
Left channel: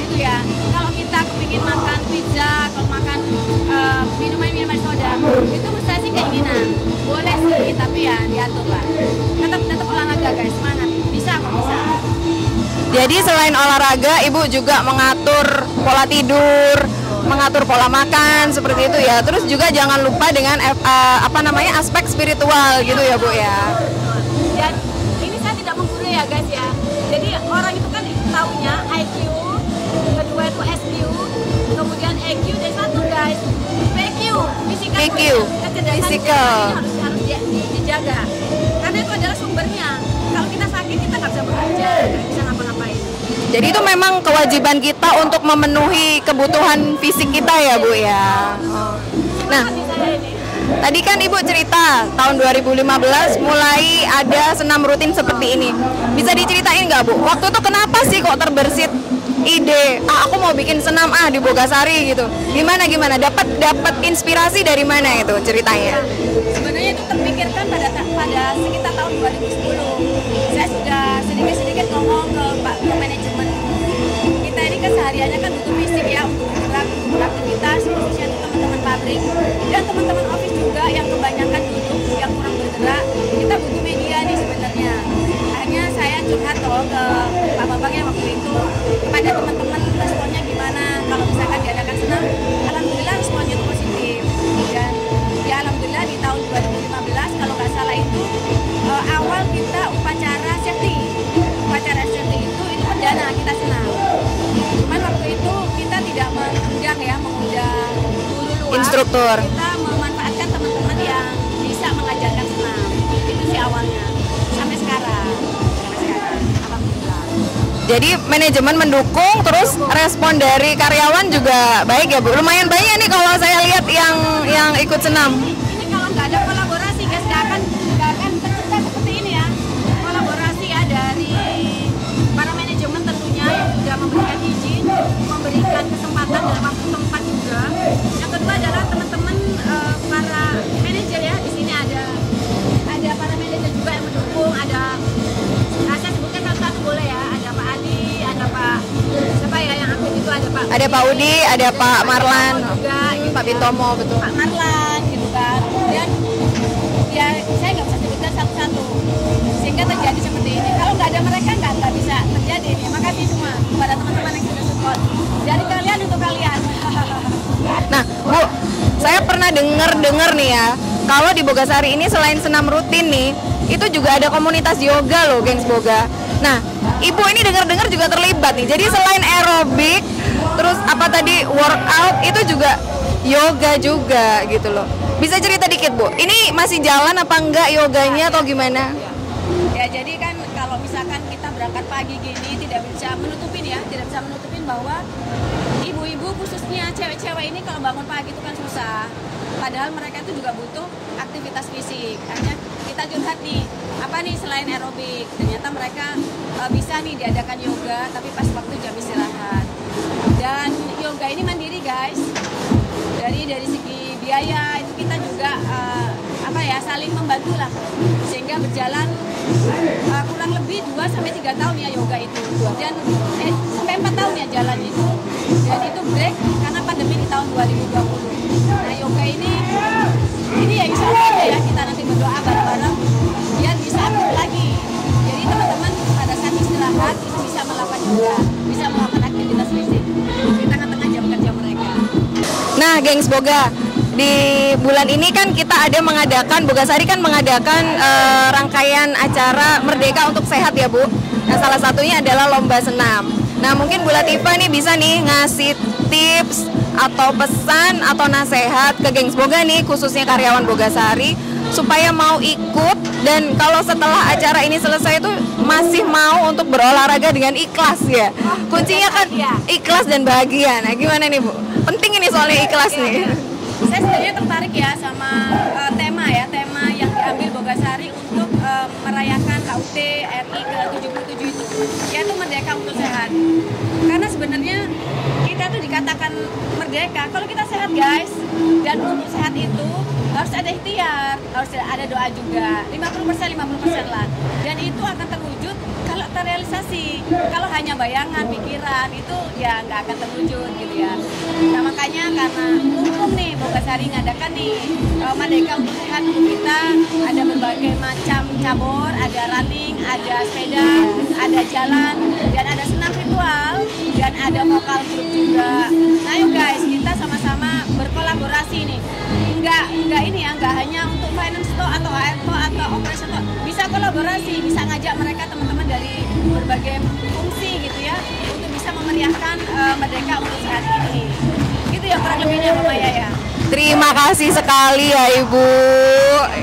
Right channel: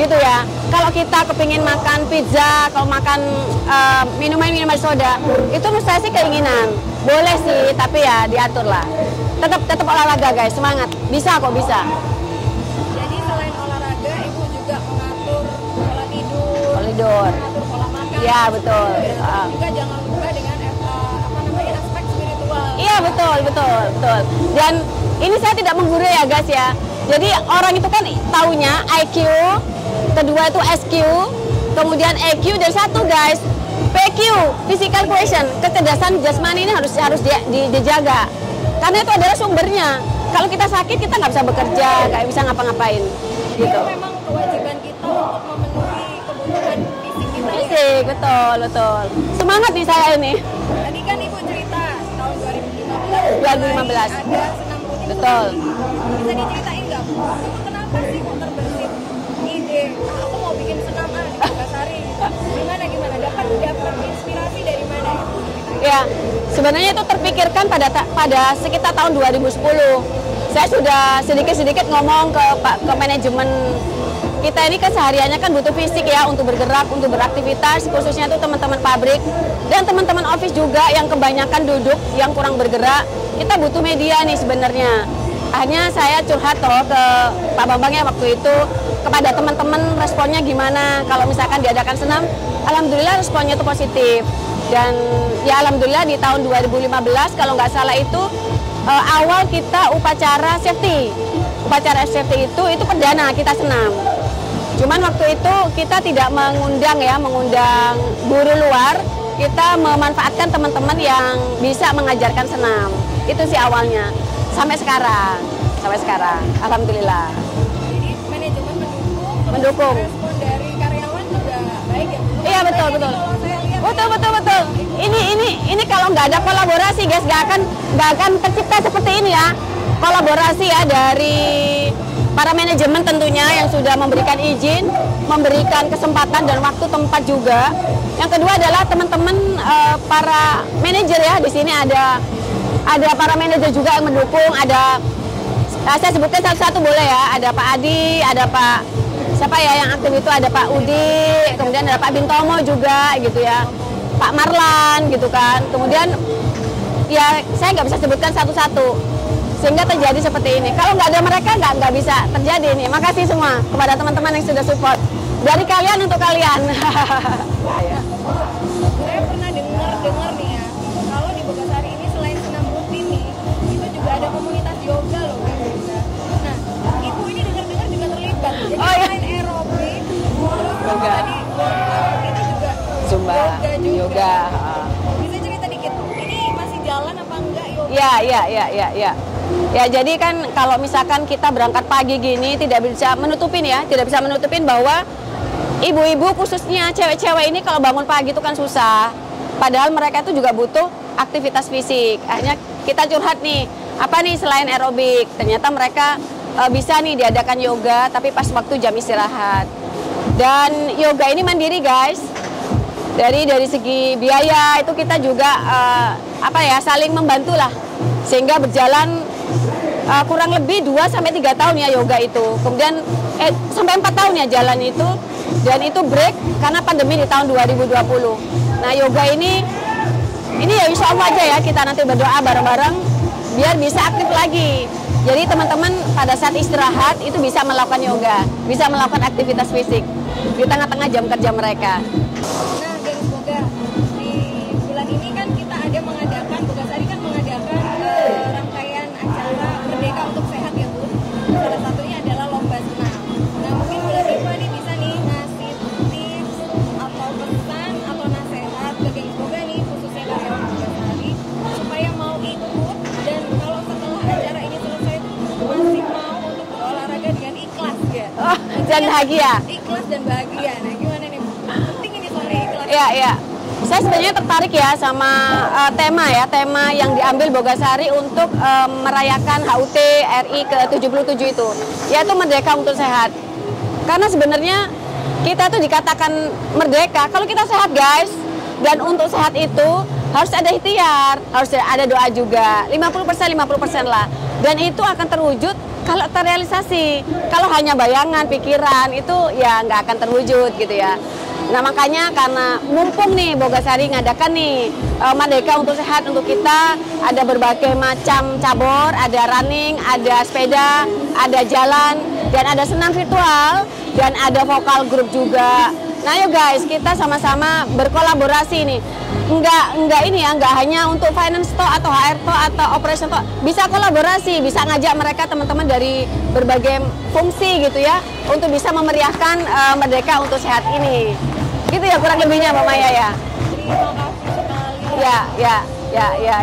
gitu ya. Kalau kita kepingin makan pizza, kalau makan minuman soda, itu menurut saya sih keinginan. Boleh sih, tapi ya diatur lah. Tetap olahraga guys, semangat. Bisa kok, bisa. Jadi selain olahraga, Ibu juga mengatur pola tidur, mengatur pola makan, seperti itu ya. Terus juga jangan lupa dengan aspek spiritual Iya, gitu ya Bu betul, ya. betul. Dan ini saya tidak menggurui ya guys ya. Jadi orang itu kan taunya IQ, kedua itu SQ, kemudian EQ, dan satu guys PQ, physical PQ, quotient, kecerdasan physical. jasmani ini harus dijaga. Karena itu adalah sumbernya. Kalau kita sakit kita nggak bisa bekerja, nggak bisa ngapa-ngapain. Jadi itu memang kewajiban kita untuk memenuhi kebutuhan fisik kita ya Bu ya. Betul. Semangat nih saya ini. Tadi kan Ibu cerita tahun 2015 mulai ada senam rutin seperti ini. Bisa diceritain nggak Bu? Waktu itu kenapa sih kok terbersit ide, aku mau bikin senam di Bogasari gitu. Gimana? Dapat inspirasi dari mana itu ceritanya? Ya, sebenarnya itu terpikirkan pada sekitar tahun 2010. Saya sudah sedikit ngomong ke manajemen kita ini kesehariannya kan butuh fisik ya untuk bergerak, untuk beraktivitas, khususnya itu teman-teman pabrik dan teman-teman office juga yang kebanyakan duduk, yang kurang bergerak. Kita butuh media nih sebenarnya. Akhirnya saya curhat ke Pak Bambang ya waktu itu, kepada teman-teman responnya gimana kalau misalkan diadakan senam. Alhamdulillah responnya itu positif, dan ya alhamdulillah di tahun 2015 kalau nggak salah itu awal kita upacara safety itu perdana kita senam. Cuman waktu itu kita tidak mengundang guru luar, instruktur. kita memanfaatkan teman-teman yang bisa mengajarkan senam. Itu sih awalnya. Sampai sekarang, alhamdulillah. Jadi manajemen mendukung, terus respon dari karyawan juga baik ya Bu. Lumayan banyak nih kalau saya lihat yang ikut senam. Ini kalau nggak ada kolaborasi guys, nggak akan tercipta seperti ini ya. Kolaborasi ya dari para manajemen tentunya yang sudah memberikan izin, memberikan kesempatan dan waktu tempat juga. Yang kedua adalah teman-teman para manajer ya, di sini ada para manajer juga yang mendukung, ada saya sebutkan satu-satu boleh ya, ada Pak Adi, ada Pak siapa ya yang aktif itu, ada Pak Udi, ada Pak Marlan juga gitu ya, Pak Marlan gitu kan. Kemudian ya saya nggak bisa sebutkan satu-satu sehingga terjadi seperti ini. Kalau nggak ada mereka nggak bisa terjadi ini. Makasih semua kepada teman-teman yang sudah support, dari kalian untuk kalian. Nah Bu, saya pernah dengar nih ya, kalau di Bogasari ini selain senam rutin nih, itu juga ada komunitas yoga loh, gengs Boga. Nah, Ibu ini dengar-dengar juga terlibat nih. Jadi selain aerobik, terus apa tadi workout, itu juga yoga juga gitu loh. Bisa cerita dikit Bu, ini masih jalan apa enggak yoganya atau gimana? Ya, jadi kan kalau misalkan kita berangkat pagi gini tidak bisa menutupin bahwa ibu-ibu khususnya cewek-cewek ini kalau bangun pagi itu kan susah. Padahal mereka itu juga butuh aktivitas fisik. Akhirnya kita curhat nih, apa nih selain aerobik? Ternyata mereka bisa nih diadakan yoga, tapi pas waktu jam istirahat. Dan yoga ini mandiri guys. Dari segi biaya itu kita juga saling membantu lah, sehingga berjalan kurang lebih 2-3 tahun ya yoga itu. Kemudian sampai 4 tahun ya jalan itu, dan itu break karena pandemi di tahun 2020. Nah yoga ini ya insya Allah aja ya, kita nanti berdoa bareng-bareng biar bisa aktif lagi. Jadi teman-teman pada saat istirahat itu bisa melakukan yoga, bisa melakukan aktivitas fisik di tengah-tengah jam kerja mereka. Nah gengs Boga, di bulan ini kan kita ada mengadakan, Bogasari kan mengadakan rangkaian acara Merdeka untuk Sehat ya Bu. Nah salah satunya adalah lomba senam. Nah mungkin Bu Latifah nih bisa nih ngasih tips atau pesan atau nasihat ke gengs Boga nih, khususnya karyawan Bogasari, supaya mau ikut, dan kalau setelah acara ini selesai itu masih mau untuk berolahraga dengan ikhlas ya. Kuncinya bahagia, ikhlas dan bahagia. Nah gimana nih Bu? Penting ini soalnya ikhlas nih. Iya. Saya sebenarnya tertarik ya sama tema yang diambil Bogasari untuk merayakan HUT RI ke-77 itu, yaitu Merdeka untuk Sehat. Karena sebenarnya kita tuh dikatakan merdeka kalau kita sehat guys, dan untuk sehat itu harus ada ikhtiar, harus ada doa juga, 50% lah, dan itu akan terwujud kalau terrealisasi. Kalau hanya bayangan, pikiran itu ya nggak akan terwujud gitu ya. Nah makanya karena mumpung nih Bogasari ngadakan nih Merdeka untuk Sehat untuk kita, ada berbagai macam cabur, ada running, ada sepeda, ada jalan, dan ada senam virtual, dan ada vokal grup juga. Nah yuk guys, kita sama-sama berkolaborasi nih. Enggak hanya untuk finance atau HR atau operation bisa kolaborasi, bisa ngajak mereka teman-teman dari berbagai fungsi gitu ya, untuk bisa memeriahkan Merdeka untuk Sehat ini. Gitu ya kurang lebihnya Mbak Maya ya. Terima kasih sekali ya Ibu.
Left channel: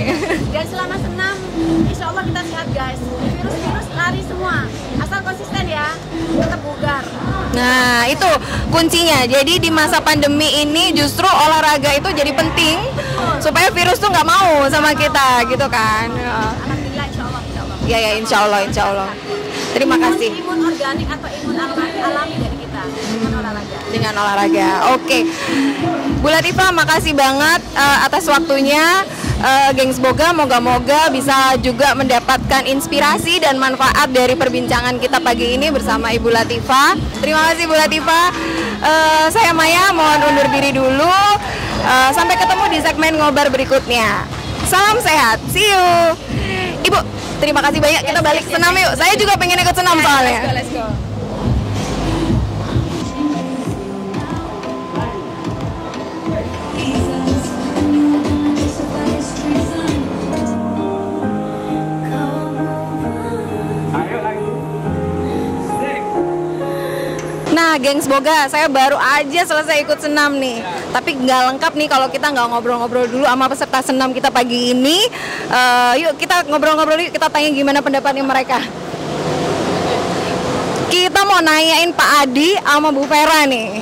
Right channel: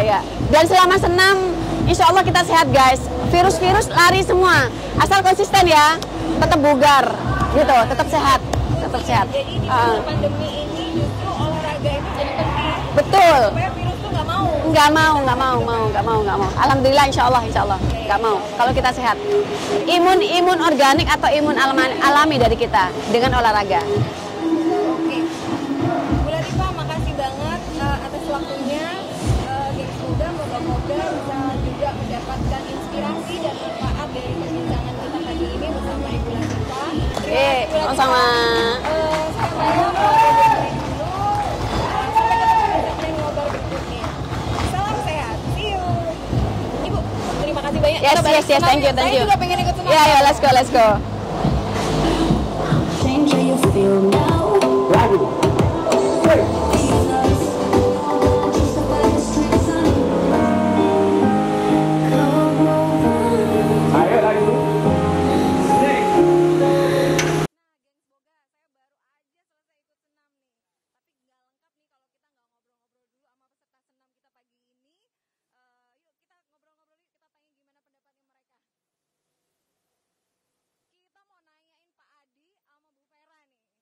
Ya. Dan selama senam, insya Allah kita sehat guys. Virus-virus lari semua, asal konsisten ya, tetap bugar. Gitu, Nah itu kuncinya. Jadi di masa pandemi ini justru olahraga itu jadi penting. Betul. Supaya virus tuh nggak mau sama kita gitu kan. Alhamdulillah insya Allah. Ya insya Allah. Sehat. Terima kasih. Imun organik atau imun alami dari kita dengan olahraga. Oke. Bu Latifah, makasih banget atas waktunya. Gengs Boga, moga-moga bisa juga mendapatkan inspirasi dan manfaat dari perbincangan kita pagi ini bersama Ibu Latifah. Terima kasih Bu Latifah. Saya Maya, mohon undur diri dulu. Sampai ketemu di segmen ngobar berikutnya. Salam sehat, see you. Ibu, terima kasih banyak. Kita balik senam yuk. Saya juga pengen ikut senam soalnya. Let's go. Gengs Boga, saya baru aja selesai ikut senam nih. Tapi nggak lengkap nih kalau kita nggak ngobrol-ngobrol dulu sama peserta senam kita pagi ini. Yuk kita ngobrol-ngobrol yuk, kita tanya gimana pendapatnya mereka. Kita mau nanyain Pak Adi sama Bu Vera nih.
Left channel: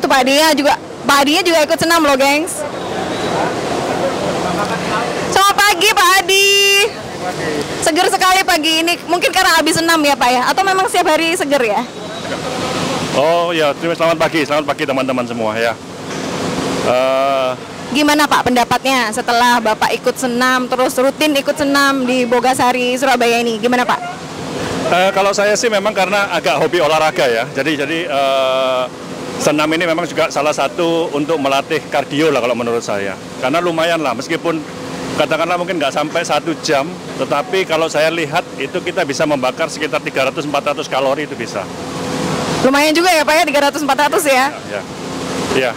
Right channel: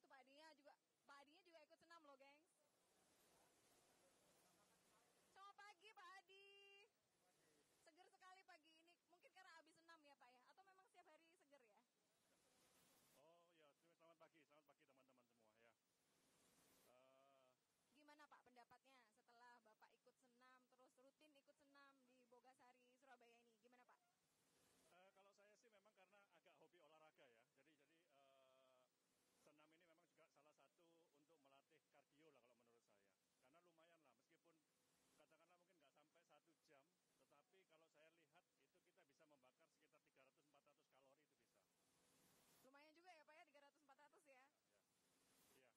Itu Pak Adinya juga ikut senam loh, gengs. Selamat pagi Pak Adi. Seger sekali pagi ini. Mungkin karena habis senam ya Pak ya? Atau memang setiap hari seger ya? Oh ya, selamat pagi teman-teman semua ya. Gimana Pak pendapatnya setelah Bapak ikut senam, terus rutin ikut senam di Bogasari, Surabaya ini? Gimana Pak? Kalau saya sih memang karena agak hobi olahraga ya. Jadi senam ini memang juga salah satu untuk melatih kardio lah kalau menurut saya. Karena lumayan lah, meskipun katakanlah mungkin nggak sampai 1 jam, tetapi kalau saya lihat itu kita bisa membakar sekitar 300-400 kalori itu bisa. Lumayan juga ya Pak ya, 300-400 ya? Iya.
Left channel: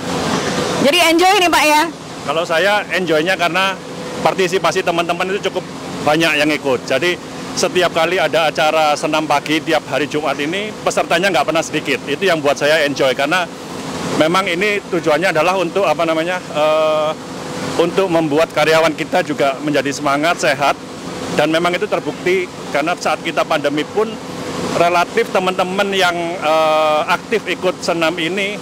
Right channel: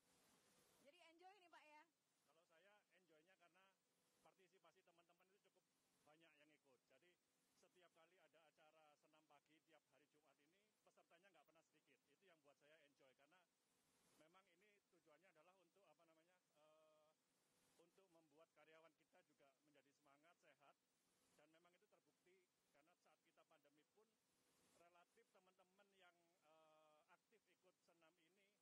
Jadi enjoy nih Pak ya? Kalau saya enjoy-nya karena partisipasi teman-teman itu cukup banyak yang ikut. Jadi setiap kali ada acara senam pagi tiap hari Jumat ini, pesertanya nggak pernah sedikit. Itu yang buat saya enjoy karena memang ini tujuannya adalah untuk untuk membuat karyawan kita juga menjadi semangat, sehat, dan memang itu terbukti karena saat kita pandemi pun relatif teman-teman yang aktif ikut senam ini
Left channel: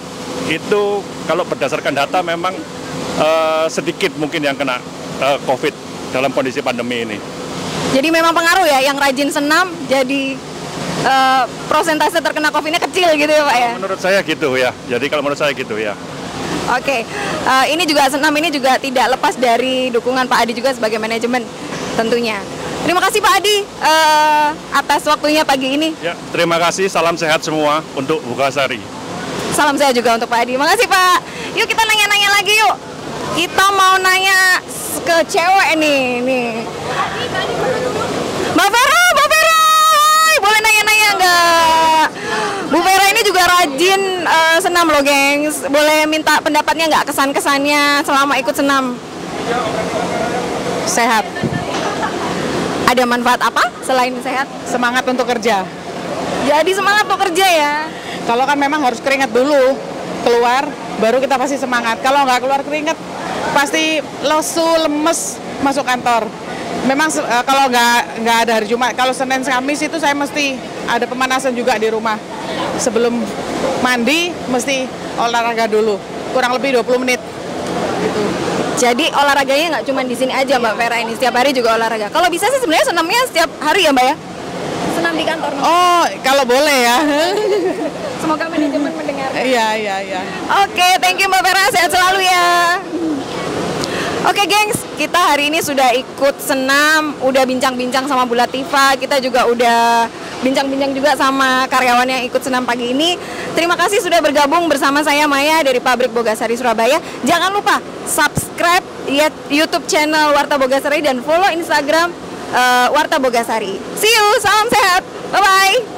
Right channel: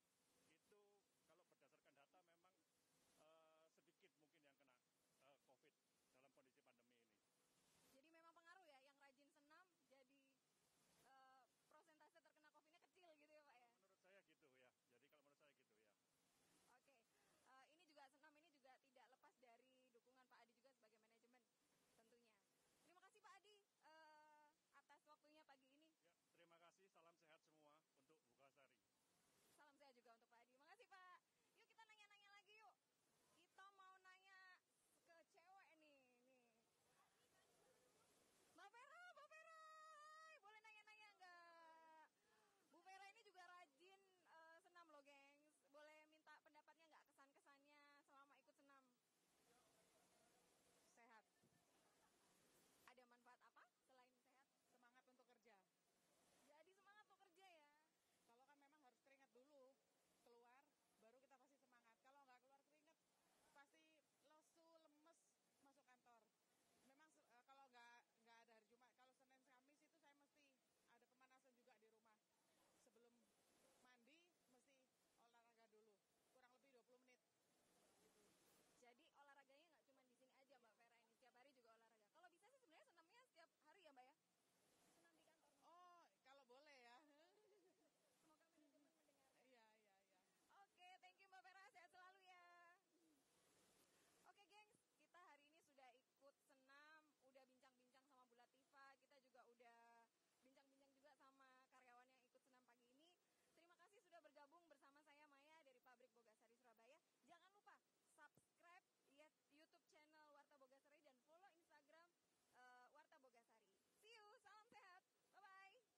itu kalau berdasarkan data memang sedikit mungkin yang kena COVID dalam kondisi pandemi ini. Jadi memang pengaruh ya, yang rajin senam jadi prosentase terkena COVID-nya kecil gitu ya Pak ya? Menurut saya gitu ya, jadi kalau menurut saya gitu ya. Oke, ini juga senam ini juga tidak lepas dari dukungan Pak Adi juga sebagai manajemen tentunya. Terima kasih Pak Adi atas waktunya pagi ini. Ya, terima kasih, salam sehat semua untuk Bogasari. Salam sehat juga untuk Pak Adi. Makasih Pak. Yuk kita nanya-nanya lagi yuk. Kita mau nanya ke cewek nih. Mbak Vera, hai, boleh nanya-nanya nggak? Bu Vera ini juga rajin senam loh gengs. Boleh minta pendapatnya nggak kesan-kesannya selama ikut senam? Sehat. Ada manfaat apa selain sehat? Semangat untuk kerja. Jadi semangat untuk kerja ya? Kalau kan memang harus keringat dulu, keluar, baru kita pasti semangat. Kalau nggak keluar keringat, pasti lesu, lemes, masuk kantor. Memang kalau nggak ada hari Jumat, kalau Senin, Kamis itu saya mesti ada pemanasan juga di rumah. Sebelum mandi, mesti olahraga dulu, kurang lebih 20 menit. Gitu. Jadi olahraganya nggak cuma di sini aja Mbak Vera ini, setiap hari juga olahraga. Kalau bisa sih sebenarnya senamnya setiap hari ya Mbak ya? Senam di kantor. Oh, kalau boleh ya. Semoga manajemen mendengar. Iya. Oke, thank you Mbak Vera, sehat selalu ya. Oke gengs, kita hari ini sudah ikut senam, udah bincang-bincang sama Bu Latifah, kita juga udah bincang-bincang juga sama karyawan yang ikut senam pagi ini. Terima kasih sudah bergabung bersama saya Maya dari Pabrik Bogasari Surabaya. Jangan lupa subscribe YouTube channel Warta Bogasari dan follow Instagram Warta Bogasari. See you, salam sehat, bye-bye.